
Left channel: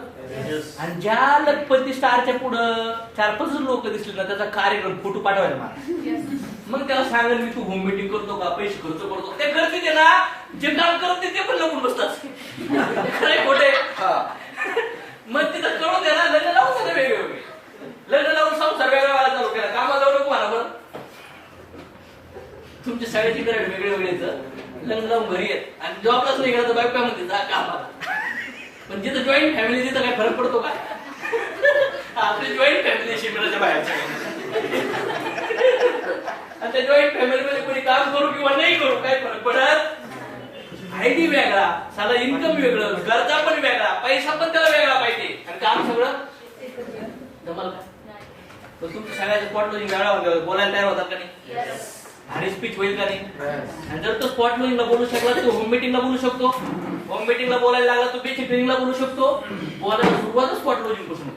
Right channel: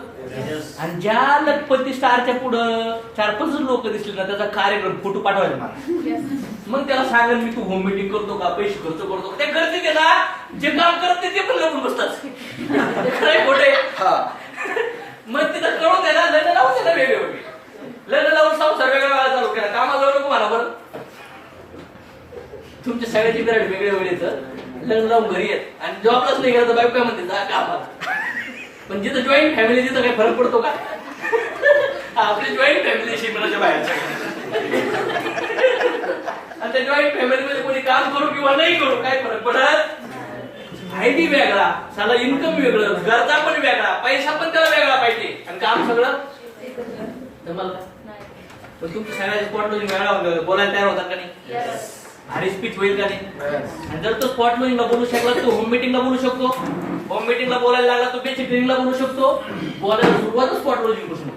आणि ज्या लखपती स्टारच्या पुढं 4-5 लोक दिसले ना त्याचा कार्यक्रम फोटो पाठवायचा मला. मग त्याला सांगेल मी तू होम मीटिंग करतो का, पैसे खर्च करतो? ते करते ते ना, जे काम करत ते पण लपून बसतात. खरंय खोटे? मग तिथं कळून द्या ना, लग्न लावून द्या ना वेगवेगळे. लग्न लावून संसार वेगळा चालू केला, कामाला जाऊ नको मला. बरं तुमच्या सगळ्याची करायला वेगळे वेगळेच. लग्न लावून घरी येत आणि जॉबलाच नाही गेला तर बायको काय म्हणते जा कामाला. पण जिथं जॉईंट फॅमिली तिथं काही फरक पडतो का? आपली जॉईंट फॅमिली शिमलाच्या बाहेरच्या आणि त्या जॉईंट फॅमिलीमध्ये कोणी काम करू किंवा नाही करू काय फरक पडत? फायदी वेगळा, साला इन्कम वेगळं, गरजा पण वेगळा, पैसा पण त्याला वेगळा पाहिजे आणि काम सगळं जमल का? पण तुमच्या सगळ्याचं स्पॉट क्लोजिंग वेगळा बोलायला तयार होतात का नाही? भारी स्पीच होईल का नाही? आणि जर तो स्पॉट क्लोजिंगला बोलू शकला तो होम मीटिंगला बोलू शकतो. होम मीटिंगला बोलायला लागला तो बेसिक ट्रेनिंगला बोलू शकतो. बोलायला सुरुवातच स्पॉट क्लोजिंग पासून.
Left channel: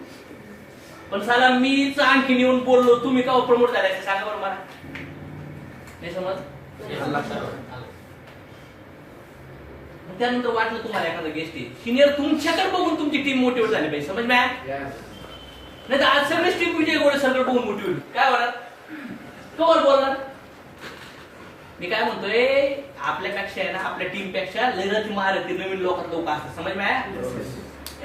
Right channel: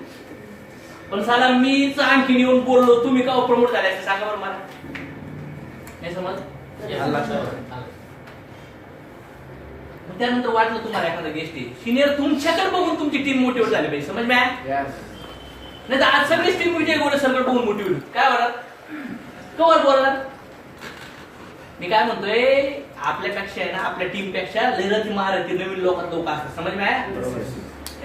पण साला मीच आणखीन येऊन बोललो, तुम्ही का प्रमोट झाले सांगा बरं मला. नाही समज? त्यानंतर वाटलं तुम्हाला एखादा गेस्ट आहे सिनियर, तुमच्याकडे बघून तुमची टीम मोटिवेट झाली पाहिजे. समज मॅ? नाही तर आज सगळीच टीम विजय गोळे सरकडे बघून मोटिवेट काय होणार? कवर बोलणार. मी काय म्हणतोय, आपल्यापेक्षा आहे ना, आपल्या टीम पेक्षा लढती महारथी नवीन लोक असतात. समज मी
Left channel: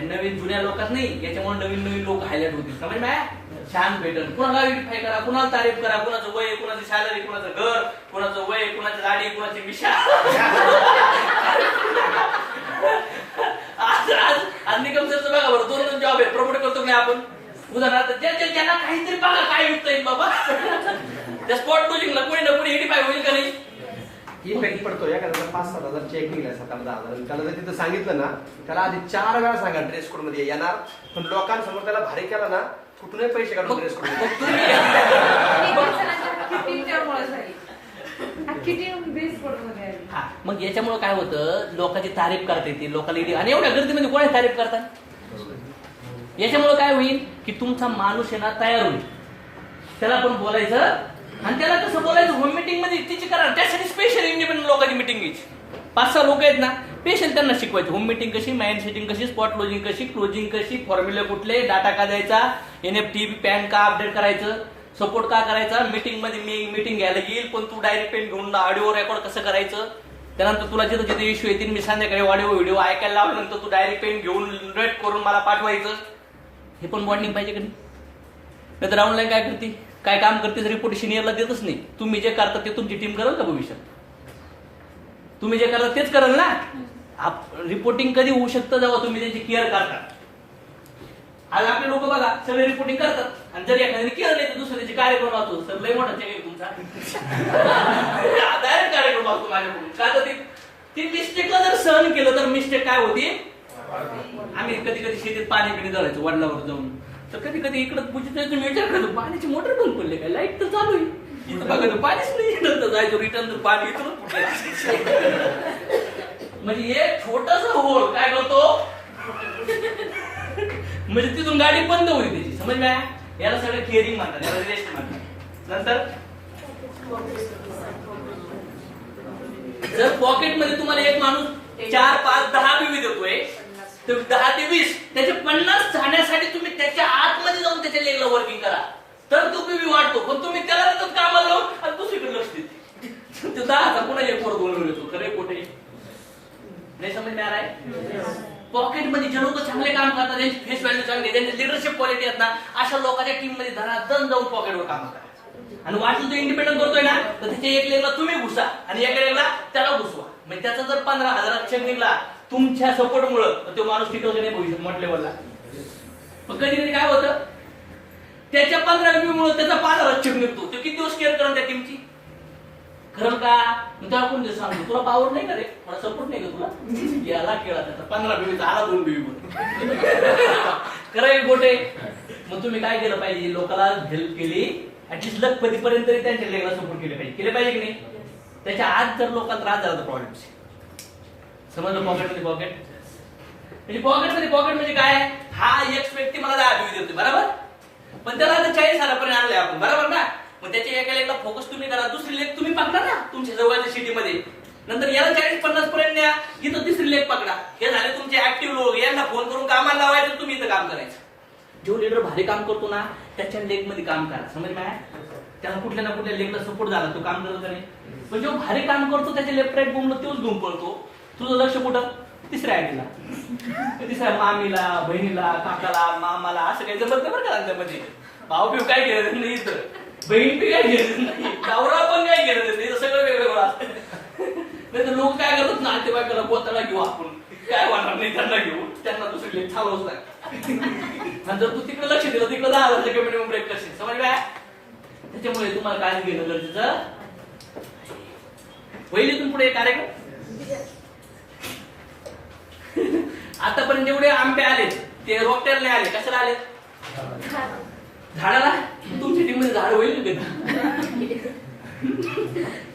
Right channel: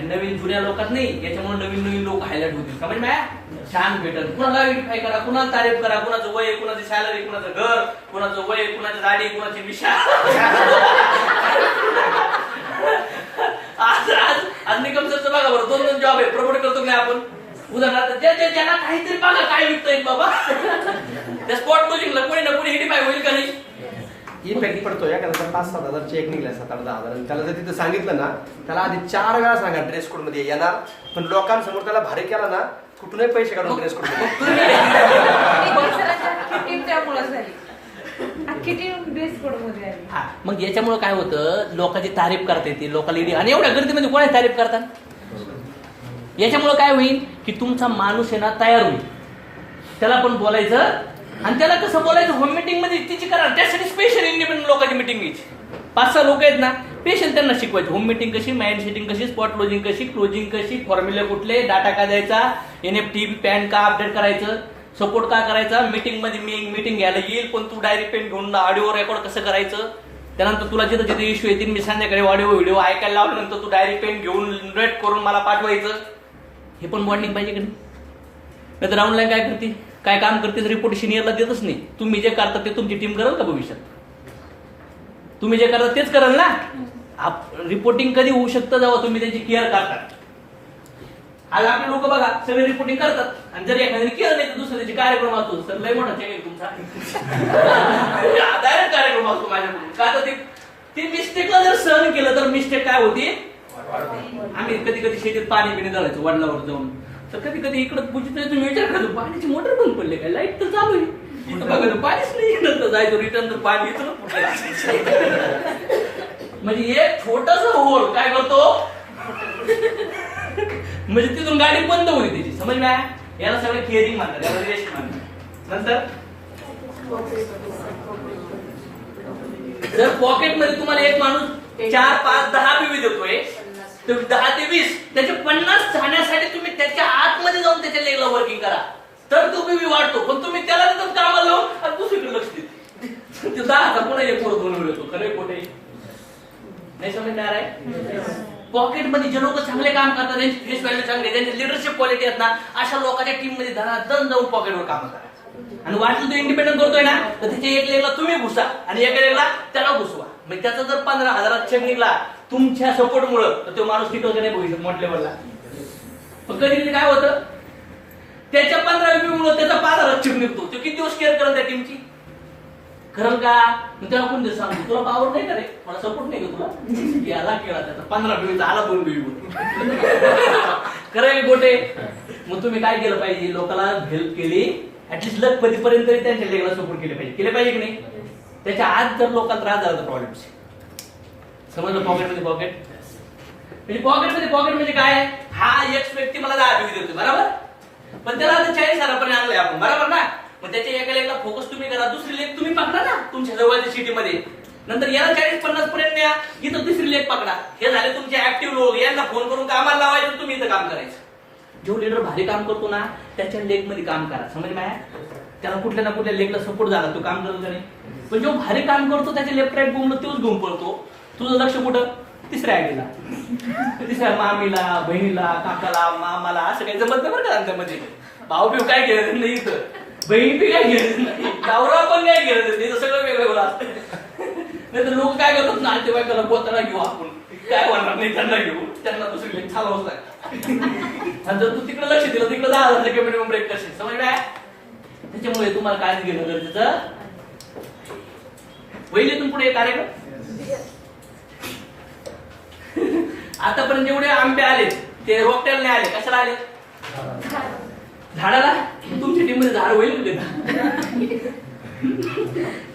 नवीन जुन्या लोकात नाही, याच्यामुळे नवीन नवीन लोक हायलाइट होतील. समज मी छान भेटल. कुणाला आयडेंटिफाय करा, कुणाला तारीफ करा, कुणाचं वय, कुणाची सॅलरी, कुणाचं घर, कुणाचं वय, कुणाची गाडी, कुणाची मिशा. आज निकम सरचं बघा बरं, 2 जॉब आहे, प्रमोट करतो नाही आपण. उदाहरणार्थ ज्यांना काहीतरी बघा काय विकतोय बाबा, त्या स्पॉट लॉजिंगला कोणी ना कोणी आयडेंटिफाय होईल का नाही. इफेक्ट पडतो. एखादा 5-7 हजार चेक निघला, 7-10 हजार, त्याला जर तिथं सांगितलं ना, त्याला आधी 4 वेळा सांगा ड्रेस कोड मध्ये येणार, पण लोकांसमोर त्याला भारी केला ना, कुठूनही पैसे काढून ड्रेस कोड मग याच्यामुळे काय होतं, लोकांची तारीफ करता येते, लोकांना. आणि एवढ्या गर्दीमध्ये कोणाची तारीफ करतात. याच्यामुळे काय होईल की तुमचा माणूस आहे ना तयार होईल, त्याला पण बोलायचं. आणि त्याला कसं बोलायचं, होम मीटिंग मध्ये तिची करा. त्यासाठी स्पेशल इंडिपेंडंट लोकांची मीटिंग घ्यायची. 5-6 लोक आहेत ना, स्पेशल त्यांना शिकवायची. होम मीटिंग कशी, माइंड सेटिंग कशी, स्पॉट लॉजिंग कशी, क्लोजिंग कशी, फॉर्म्युला कुठले, डाटा का द्यायचा, NFT पॅन का अपडेट करायचं, सपोर्ट का करायचा. मीटिंग मध्ये मी मीटिंग घ्यायला येईल, पण तू डायरेक्ट पेन घेऊन ऑडिओ रेकॉर्ड कसं करायचं. त्यानंतर तुला जिथे जिथे इश्यू येतील, मी संध्याकाळी ऑडिओ व्हिडिओ ऐकायला लावल्यानंतर तू डायरेक्ट पेन घेऊन रेट करून मला पाठवायचं. हे पण बॉन्डिंग पाहिजे का नाही तर ऑनलाईन काय करते, काय काम करते, रिपोर्ट सिनियरला देतच नाही. तुम्ही जे करता ते तुमची टीम करेल का भविष्यात. तुम्ही जे करता तेच करेल ना. रिपोर्टिंग कधी होऊ शकतं जेव्हा तुम्ही त्याची केअर करतात. आज आपले लोक बघा सगळे रिपोर्टिंग करतात, आणि जर एखाद्याने केअर नाही तर दुसऱ्या त्याची कार्यक्रम असतो, तर लय मोठा चॅलेंज तुमचा. डायरेक्ट कार्यक्रम असतो माझ्याकडून. का तर ती मिस्टेकला जर सहन केलं तर मिस्टेक काय होती. आम्ही कधी कधी शेतीत पाणी पिणी घालायचो वडिलावर जाऊन, तर कधी कधी इकडं तुम्ही विचार करायचो पाण्याची मोटर बंद पडले काय, लाईट तर चालू आहे, इथं बघायचं पाणीच नाही. नंतर जायचो रिटर्न तर पाणी इथं म्हणजे एक छोटासा होल काय करतो म्हणजे तिथून गाडी बंद होईल त्याची. समज मी याला सगळं क्लिअरिंग म्हणतात, याला रेस्ट म्हणतात. नंतर जर पॉकेटमध्ये तुम्हाला एक माणूस 4, 5, 10 पिवी देतोय, तर 10 ते 20 त्याचे 50 जाण्यासाठी तुम्ही त्याच्या आतमध्ये जाऊन त्याच्या लेगला वर्किंग करा, तर तो पिवी वाढतो. पण तुम्ही त्याला नंतर कामाला लावून आणि दुसरीकडे लक्ष देते, ते 10 पुन्हा 1 वर 2 येतो. खरे कोठे नाही समजणार आहे. पॉकेटमध्ये जे लोक चांगले काम करतात, त्यांची फेस व्हॅल्यू चांगली, त्यांची लिडरशिप क्वालिटी आहेत ना, अशा लोकांच्या टीम मध्ये धनाधन जाऊन पॉकेटवर काम करा. आणि वाटलं तो इंडिपेंडंट करतोय ना, तर त्याच्या एक लेगला तुम्ही घुसा आणि एका लेगला त्याला घुसवा. म्हणजे त्याचा जर 15,000 चेक निघला तुमच्या सपोर्टमुळे, तर तो माणूस टिकवतो नाही भविष्यात मोठ्या लेवलला. कधी कधी काय होतं, त्याच्या 15,000 त्याचा 5,000 चेक निघतो. तो किती दिवस केअर करेल त्या टीमची, खरं का. त्याला कोण दिवस सांगतो तुला पावर नाही करे, मला सपोर्ट नाही का तुला, याला केला त्याचा 15 आला 2 खरं गोटे. मग तुम्ही काय केलं पाहिजे, लोकांना हेल्प केली, ऍटलीस्ट लखपतीपर्यंत तरी त्यांच्या लेवलला सपोर्ट केले पाहिजे की नाही. त्याच्या आत जर लोकांना त्रास झाला तर प्रॉब्लेम. समजलं. पॉकेटमध्ये पॉकेट म्हणजे पॉकेट म्हणजे काय, हा एक व्यक्ती मला 10 पिवी देतोय बरोबर, पण त्याला आता 40,000 आणलंय आपण बरोबर ना. मग त्याच्या एका लेगला फोकस तुम्ही करा, दुसरी लेग तुम्ही पकडा ना तुमच्या जवळच्या सिटीमध्ये. नंतर याला 40-50 पर्यंत द्या, इथं तिसरी लेग पकडा. हे झाले तुमचे ऍक्टिव्ह लोक, यांना फोन करून कामाला लावायचं, तुम्ही इथं काम करायचं. जो लीडर भारी काम करतो ना त्याच्या लेग मध्ये काम करा. समज माया त्याला कुठल्या ना कुठल्या लेगला सपोर्ट झाला, तो काम करतो का नाही. पण जो भारी काम करतो त्याच्या लेफ्ट राईट बोमला तोच घेऊन पडतो. तुझं लक्ष कुठं, तिसऱ्या आयडीला, तिसऱ्या मामीला, बहिणीला, काकाला, मामाला, असं काही जमत नाही बरं का त्यांच्यामध्ये. भाऊ बिव काय घ्यायचं नाही इथं, बहीण बी काय घ्यायचं नाही, नवरा पण काय घ्यायचं नाही, सगळं वेगवेगळं असतं. नाही तर लोक काय करतात ना, ते बायकोला बोताला घेऊ आपण, काय म्हणणार नाही त्यांना घेऊ, त्यांना दुसरी लेग चालवच नाही. आणि जर तू तिकडे लक्ष दिलं, तिकडे 10,000 मिनिमम ब्रेक कशी समज काय. त्याच्यामुळे तुम्हाला काय घेणं गरजेचं. होईल इथून पुढे कार्यक्रम. आतापर्यंत जेवढे आंबे आले ते रोपट्याला नाही आले, कशाला आले, झाडाला. तुमची टीम मध्ये झाड होईल का.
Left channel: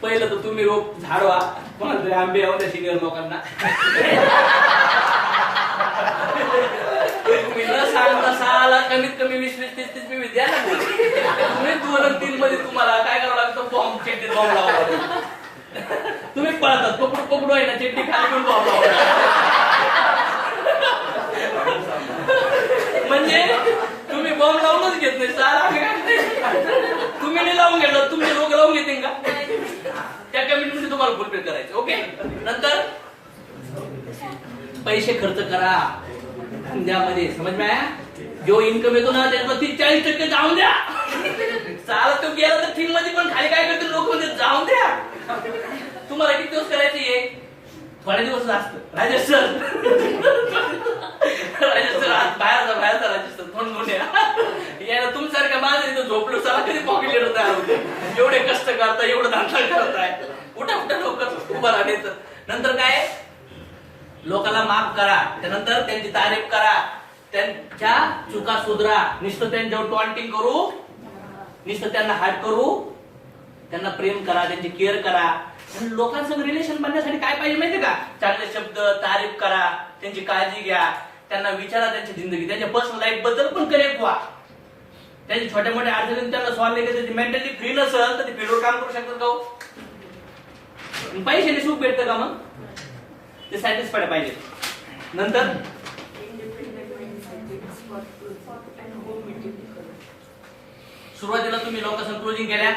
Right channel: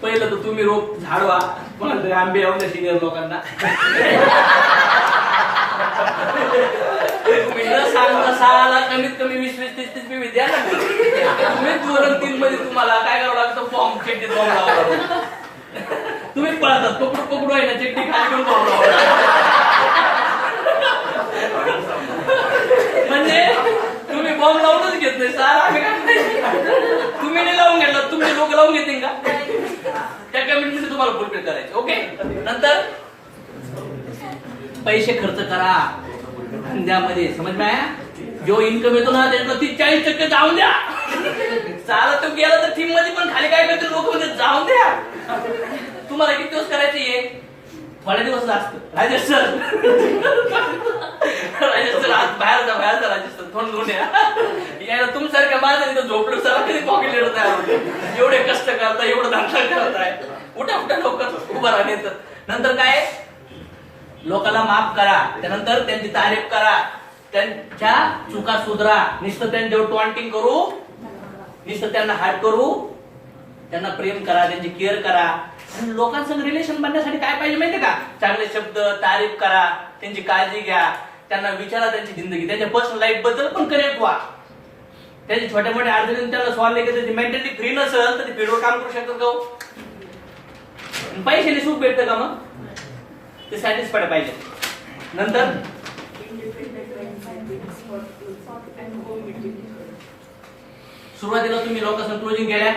पहिलं तर तुम्ही रोप झाडवा, कोणाला तरी आंबे येऊन द्या सिनियर लोकांना. तुम्ही न सांगता 6 ला कमीत कमी 20-30 पिवी द्या ना. तुम्ही 2-3 मध्ये तुम्हाला काय करावं लागतं, फॉर्म चिठ्ठीत फॉर्म लावा. तुम्ही पळतात पकडू आहे ना, चिठ्ठी खाली पण फॉर्म लावा. म्हणजे तुम्ही बॉम्ब लावूनच घेत नाही. तुम्ही नाही लावून घेतला, तुमचे लोक पाहून घेतील का? त्या कमिटीमध्ये तुम्हाला फुलफिल करायचे. ओके. नंतर पैसे खर्च करा धंद्यामध्ये. समज में आया? जो इन्कम येतो ना त्याच्यात 30-40% जाऊन द्या. चालत तो गेला तर टीम मध्ये पण खाली काय करते लोक म्हणजे जाऊन द्या. तुम्हाला किती दिवस करायचे हे? थोडे दिवस असत. राजेश सर बाहेर जा राजेश सर थोडं घेऊन या. तुमच्यासारख्या माझं इथं झोपलो सर कधी पॉकेट लिडर तयार होते. एवढे कष्ट करताय, एवढं धंदा करताय, उठा लवकर उभं राहणे. नंतर काय? लोकांना माफ करा, त्यानंतर त्यांची तारीफ करा, त्यांच्या चुका सुधरा. नुसतं त्यांच्यावर टॉन्टिंग करू, नुसतं त्यांना हार्ट करू, त्यांना प्रेम करा, त्यांची केअर करा. आणि लोकांसंग रिलेशन बनण्यासाठी काय पाहिजे माहितीये का? चांगले शब्द, तारीफ करा, त्यांची काळजी घ्या, त्यांना विचारा त्यांची जिंदगी, त्यांच्या पर्सनल लाईफ बद्दल पण कनेक्ट व्हा. त्यांची छोट्या मोठ्या अडचणी त्यांना सॉल्व्ह केले. त्याची मेंटली फ्री नसेल तर ते फील्डवर काम करू शकतात का? पैशाने सुख भेटतं का? मग ते सॅटिस्फाईड पाहिजे. नंतर सुरुवातीला तुम्ही लोकांसंग क्लोजिंग केल्या,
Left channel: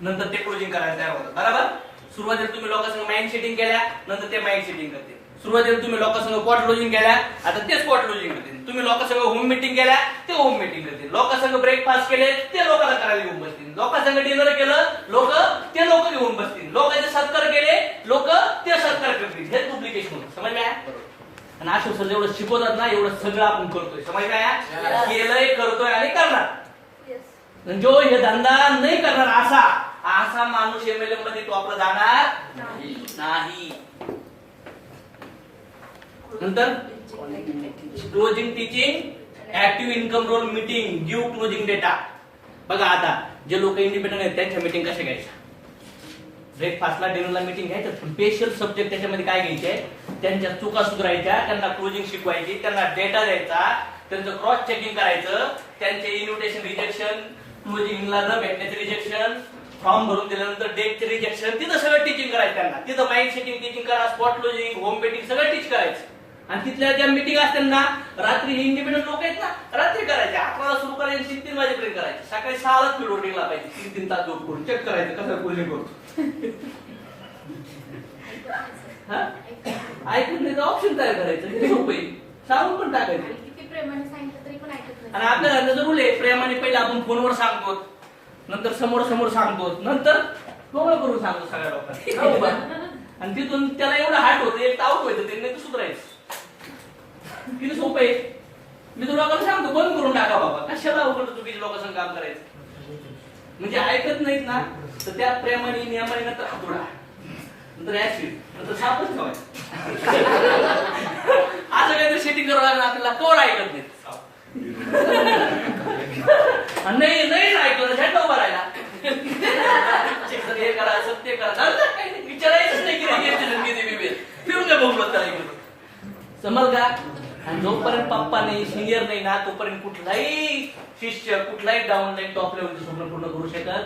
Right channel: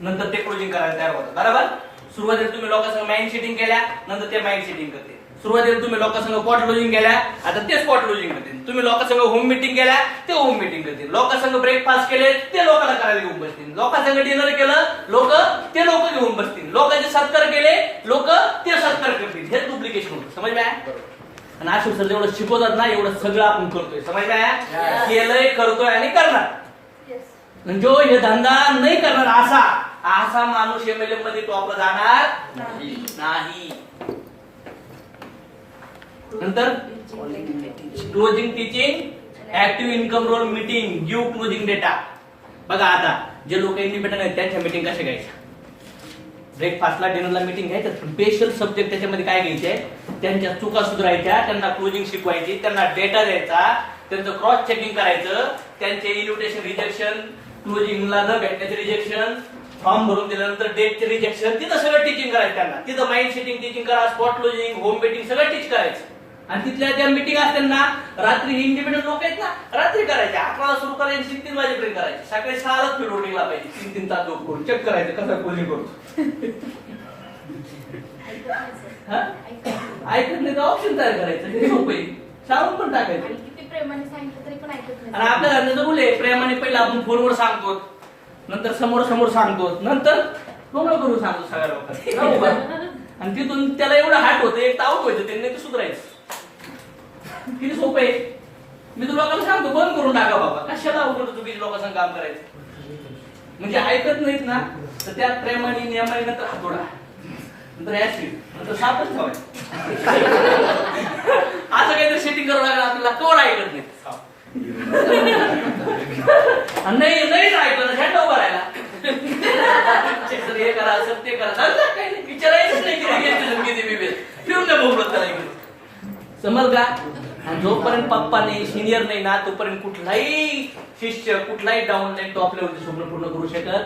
नंतर ते क्लोजिंग करायला तयार होतात. बरोबर? सुरुवातीला तुम्ही लोकांसंग माइंड सेटिंग केल्या, नंतर ते माइंड सेटिंग करते. सुरुवातीला तुम्ही लोकांसंग स्पॉट क्लोजिंग केल्या, आता ते स्पॉट क्लोजिंग करतील. तुम्ही लोकांसंग होम मीटिंग केल्या, ते होम मीटिंग करतील. लोकांसंग ब्रेकफास्ट केले, ते लोकांना करायला घेऊन बसतील. लोकांसंग डिनर केलं, ते लोक घेऊन बसतील. लोकांचे सत्कार केले, लोक ते सत्कार करतील. हे डुप्लिकेशन होतं. समज आहे? आणि आशु सर जेवढं शिकवतात ना एवढं सगळं आपण करतोय. समज आहे? केलंय, करतोय आणि करणार. जो हे धंदा नाही करणार असा माणूस एमएलए मध्ये टॉपला जाणार नाही. नंतर closing teaching, active income role meeting, give closing data. बघा आता जे लोक इंडिपेंडंट आहेत त्यांच्या मीटिंग कशा घ्यायच्या? ब्रेकफास्टला, डिनरला मीटिंग घ्यायचं. स्पेशल सब्जेक्ट त्याच्यामध्ये काय घ्यायचे? त्यांच्या चुका सुधारायच्या, त्यांना क्लोजिंग शिकवायची, त्यांना डेटा द्यायचा, त्यांचं क्रॉस चेकिंग करायचं, त्यांचे इन्व्हिटेशन रिजेक्शन, क्लोजिंगला न भेटण्याचे रिजेक्शन, फॉर्म भरून दिल्यानंतर डेटचे रिजेक्शन, तिथं सगळं टीचिंग करायचं त्यांना. तिथं माइंड सेटिंग टीचिंग करा, स्पॉट क्लोजिंग, होम मीटिंग सगळं टीच करायचं. आणि तिथल्या ज्या मीटिंग असतात ना रात्री, इंडिपेंडंट लोक आहेत ना रात्री करायचे. 11ला सुरू करायचे, 3 वाजेपर्यंत करायचे. सकाळी 6लाच फीड होटिंगला पाहिजे. 3 तास झोप करून चेक करायचं कसं क्लोजिंग करतो. ऐकत नाही तर ऑप्शन तयार करायचं. झोप सांगून पण टाकायचं. आणि आपल्या धंद्याचं रूल आहे प्रेमाने पहिला आपण फोनवर सांगतो, नंतर समोर सांगतो, नंतर डोळा करून सांगतो सगळ्या लोकांना. आणि तिथून त्याला एवढं हार्ट होतं, एक ताव व्हायचं, त्यांनी ते सुधारायचं. किती सोपं आहे. मी तुला लोकांना सांगतो बंद करून टाका बाबा, कशाला अवघड चुकीच्या लोकांसंग काम करायचं. म्हणजे ऐकत नाहीत ना तर त्या प्रेमाने नियमाने नंतर हातोडा, नंतर ऍसिड, नंतर सापच ठेवायचं. असं काहीतरी सेटिंग करावं लागलं आपल्याला. कोण ऐकत नाही. नाही ऐकलं झेंडा उभा राहिला. हे करा, असं ते करा, विचारायचंच नाही की फिरून द्या बहुमत करायचं. समज का? आणि जोपर्यंत पप्पा नाही, सिनियर नाही ना तोपर्यंत कुठलाही शिष्य, कुठलाही डाऊन लाईन टॉप लेवलचं स्वप्न पूर्ण करू शकत.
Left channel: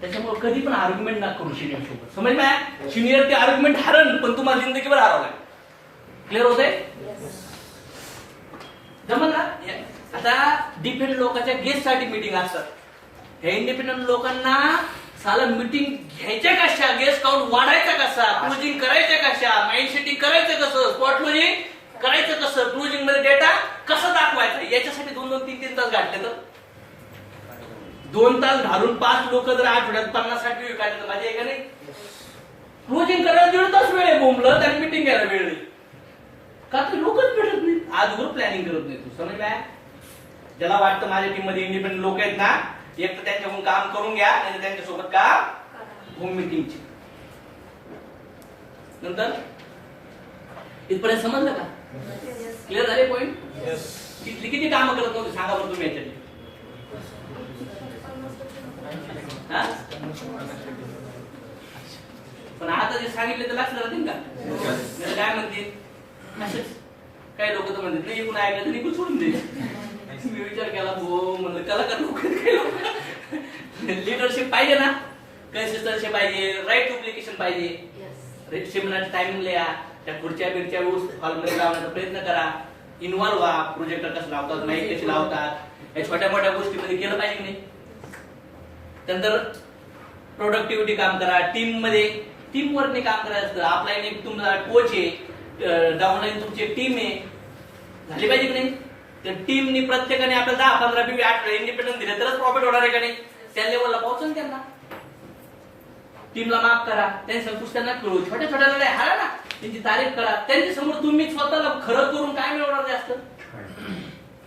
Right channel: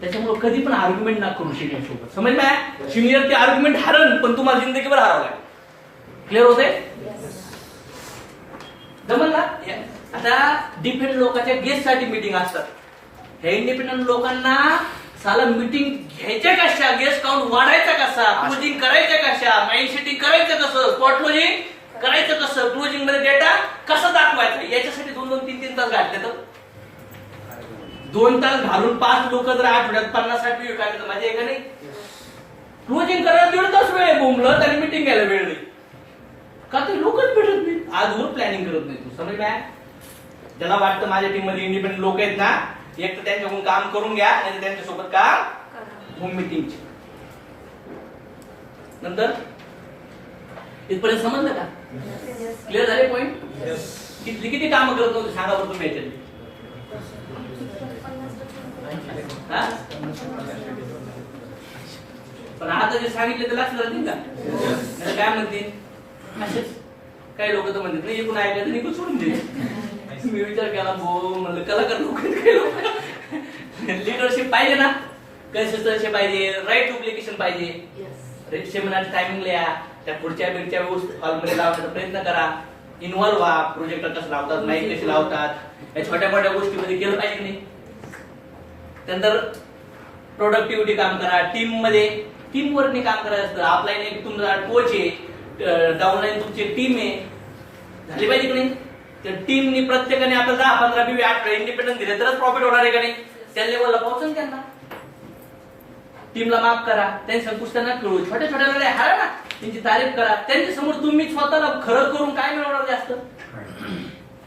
त्याच्यामुळे कधी पण आर्ग्युमेंट ना करू सिनियर सोबत. समज ना? सिनियर ते आर्ग्युमेंट हारण पण तुम्हाला जिंदगीभर हरावं लागेल. क्लिअर होते? जमल का? आता डिफेंड लोकांच्या गेस्ट साठी मीटिंग असतात. हे इंडिपेंडंट लोकांना साला मीटिंग घ्यायच्या कशा, गेस्ट काउंट वाढायचा कसा, क्लोजिंग करायचं कशा, माइंड सेटिंग करायचं कसं, स्पॉट क्लोजिंग करायचं कसं, क्लोजिंग मध्ये डेटा कसं दाखवायचा, याच्यासाठी 2-2, 3-3 तास घातले तर 2 तास घालून 5 लोक जर आठवड्यात 50-60 विकायचे तर माझी आहे का नाही? क्लोजिंग करायला 1.5 तास वेळ आहे बोंबलं आणि मीटिंग घ्यायला वेळ नाही. का ते लोकच भेटत नाही. आजवर प्लॅनिंग करत नाही. तू समज काय? ज्याला वाटतं माझ्या टीम मध्ये इंडिपेंडंट लोक आहेत ना, एक तर त्यांच्याकडून काम करून घ्या, आणि त्यांच्यासोबत का होम मीटिंगची. नंतर इथपर्यंत समजलं का? क्लिअर झाले पॉइंट? किती कामं करत होते सांगा बरं तुम्ही याच्यात. पण आता जे सांगितले ते लक्षात राहतील का? काय म्हणते असेच काही लोक तर म्हणतात नाही, एकूण ऐकायचं एकूण सोडून दे. मी विचार केला म्हणलं कलाकार लोक लिडरशिप पाहिजे ना, कन्सिस्टन्सी पाहिजे, राईट डुप्लिकेशन पाहिजे. सेमिनार टायमिंग लिहा, त्या पुढच्या व्यवस्थित हॉलमध्ये लावण्याचा प्रयत्न करा. इन्व्हॉल्व्ह व्हा. प्रोजेक्टर कसं लावतात, माईक कशी लावतात, या छोट्या मोठ्या गोष्टीमध्ये केलं पाहिजे की नाही. त्यानंतर प्रोडक्टिव्हिटी काम करा, टीम मध्ये टीम वर्कने काम करायचं असतं. अपलाईन एक तुमचा कोच आहे, डाऊनलाईन तुमची टीम आहे, झाली पाहिजे की नाही? त्या टीमनी प्रत्येकाने आपल्याला 10, 15, 20, 8 इंडिपेंडन्स दिले तरच प्रॉफिट होणार आहे का नाही? त्या लेवलला पोहोचून त्यांना टीमला माफ करा, त्यांच्या पुस्तकांना खेळू, छोट्या छोट्या लढाई हारा ना, त्यांची तारीफ करा. त्यांच्या समोर तुम्ही स्वतःला खरं करून काय मिळवणार जास्त?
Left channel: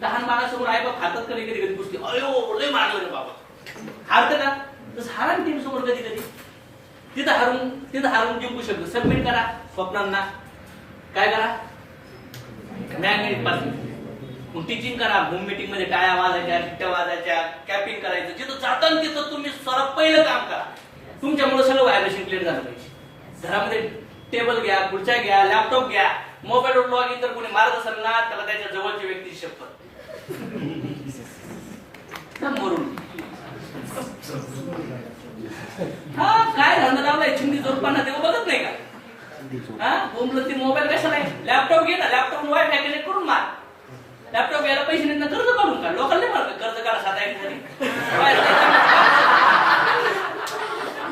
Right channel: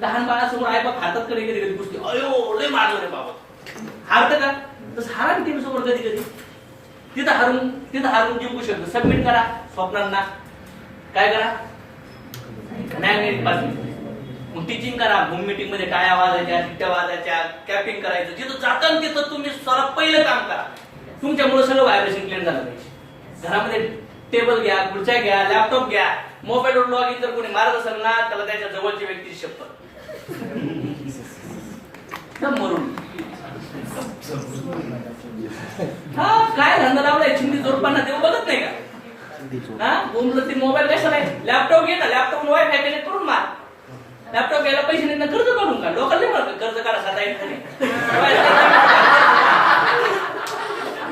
लहान बाळासमोर आई बाप हातात कधी कधी कधी पुसते, अयो लय मारलं रे बाबा, हारतं का? तसं हारा टीम समोर कधी कधी. तिथं हारून जिंकू शकतो. सबमिट करा स्वप्नांना, काय करा, मॅग्नेट पासून मग टीचिंग करा. होम मीटिंग मध्ये टाळ्या वाजायच्या, शिट्ट्या वाजायच्या, कॅपिंग करायचं. जिथं जाताना तिथं तुम्ही सर्वात पहिलं काम करा. तुमच्यामुळे सगळं व्हायब्रेशन क्लिअर झालं पाहिजे. घरामध्ये टेबल घ्या, खुर्च्या घ्या, लॅपटॉप घ्या. मोबाईलवर लॉग इन जर कोणी मारत असेल ना, त्याला त्याच्या जवळची व्यक्ती शपथ मरून. हा काय धंदा लावलाय, चिंदी जोरपाना देऊ बघत नाही का? हा बोंबलं ते मोबाईल कशाला आहे? लॅपटॉप घे ना, लॅपटॉप वायफाय कनेक्ट करून मार. लॅपटॉप घ्यायला पैसे नाही ना, कर्ज काढून का? लोकल नाही मारत कर्ज करा,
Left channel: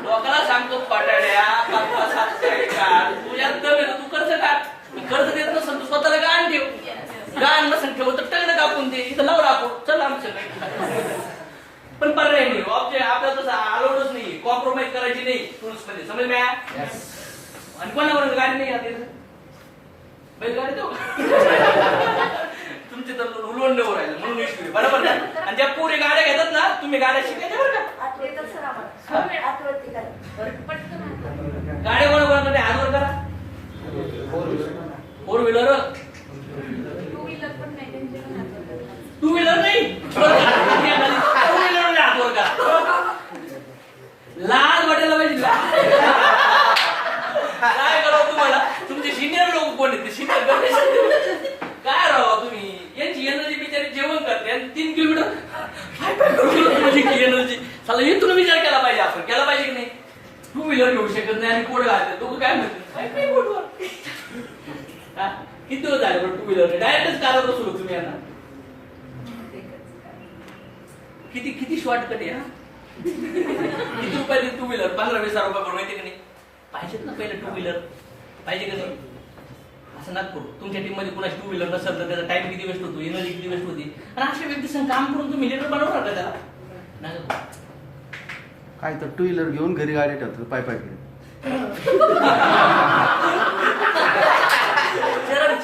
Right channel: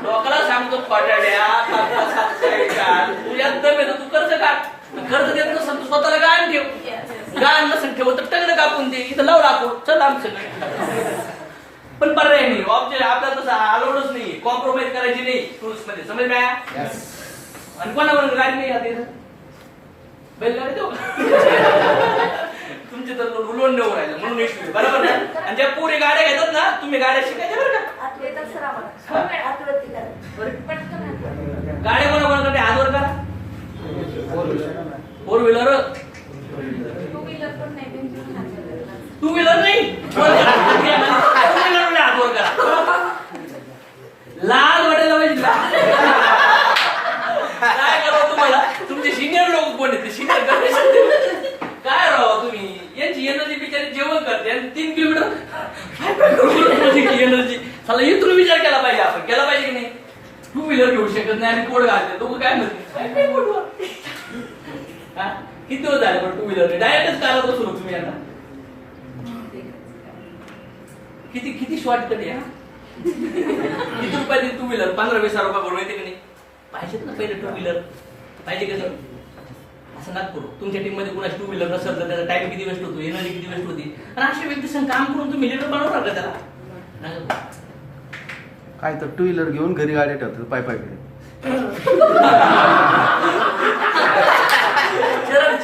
लोकांना सांगतो पाटाड्या तुझ्यात दम येतो, तू कर्ज काढ. कर्ज देत नसेल तू स्वतःला गाण ठेव, गाण नसेल ठेवत तर टगडं कापून दे, इथं लाव राखो, चल आमचं. पण पर्याय नाही, ऑब्जेक्ट आपल्याला तसं अलाउडच नाही, कॉम्प्रोमाइज करायची नाही रूल्स मध्ये, समज मॅ. आणि कोणावर गाडी नाही आते बैलगाडी देऊ तुमचे तर उलवून देऊ राहिलं म्हणून इश्यू, बरोबर ना? आणि त्या पुरी गाड्या घेतात ना, तुम्ही गाड्या शिकायच्या बरं का? गाड्या कोणा करते? हातवर करा. फोर व्हीलर, टू व्हीलर नाही, फोर व्हीलर हातवर करा. लाज वाटायला पाहिजे. काय करावं तुम्हाला? तुमचे सिनियर लोक कोण आहेत? सिनियर काय राहावं तुम्ही? यांची एनर्जी बिचारी जेवण करते आणि 3 किलोमीटर एनर्जी. चला इथून विचार केला पाहिजे, आपण केला पाहिजे की नाही? टू व्हीलर घेऊ शकत नाही आणि कोड घालते लोक, काय म्हणते? किती दिवस झाले टू व्हीलर डायरेक्टच करा तो सुरू तुम्ही आता. किती शॉर्टकट आहे. किती रुपयाची टू व्हीलर? 15-20 रुपये भरून येते की नाही? पाहिजेत ना पहिले टू व्हीलर, पाहिजे का नाही? असं नका करू. तुमच्या टीम मध्ये कुणाची टू व्हीलर नसेल तर त्याचा टाइम किती वेस्ट होतो, एनर्जी किती वेस्ट होती. आणि अशा व्यक्ती संग काम करून तुम्ही लीडर बनवणार का त्याला? नाही. काय तर टू व्हीलर घेऊन घरी गाड्या ठेवतात पाय पाय कडे. चरण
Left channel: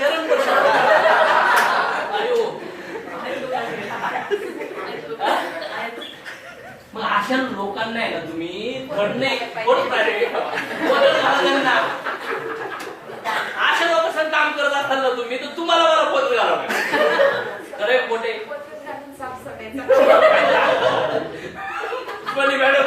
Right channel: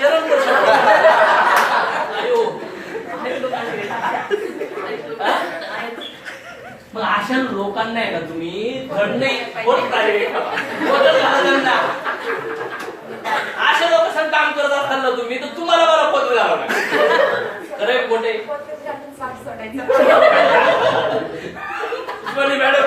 मग अशा लोकांना आहे ना तुम्ही धडणे अशा लोकांना काम करत असाल ना तुम्ही, तर तुम्हाला मला पत्र झालं पाहिजे. खरंय खोटे मॅडम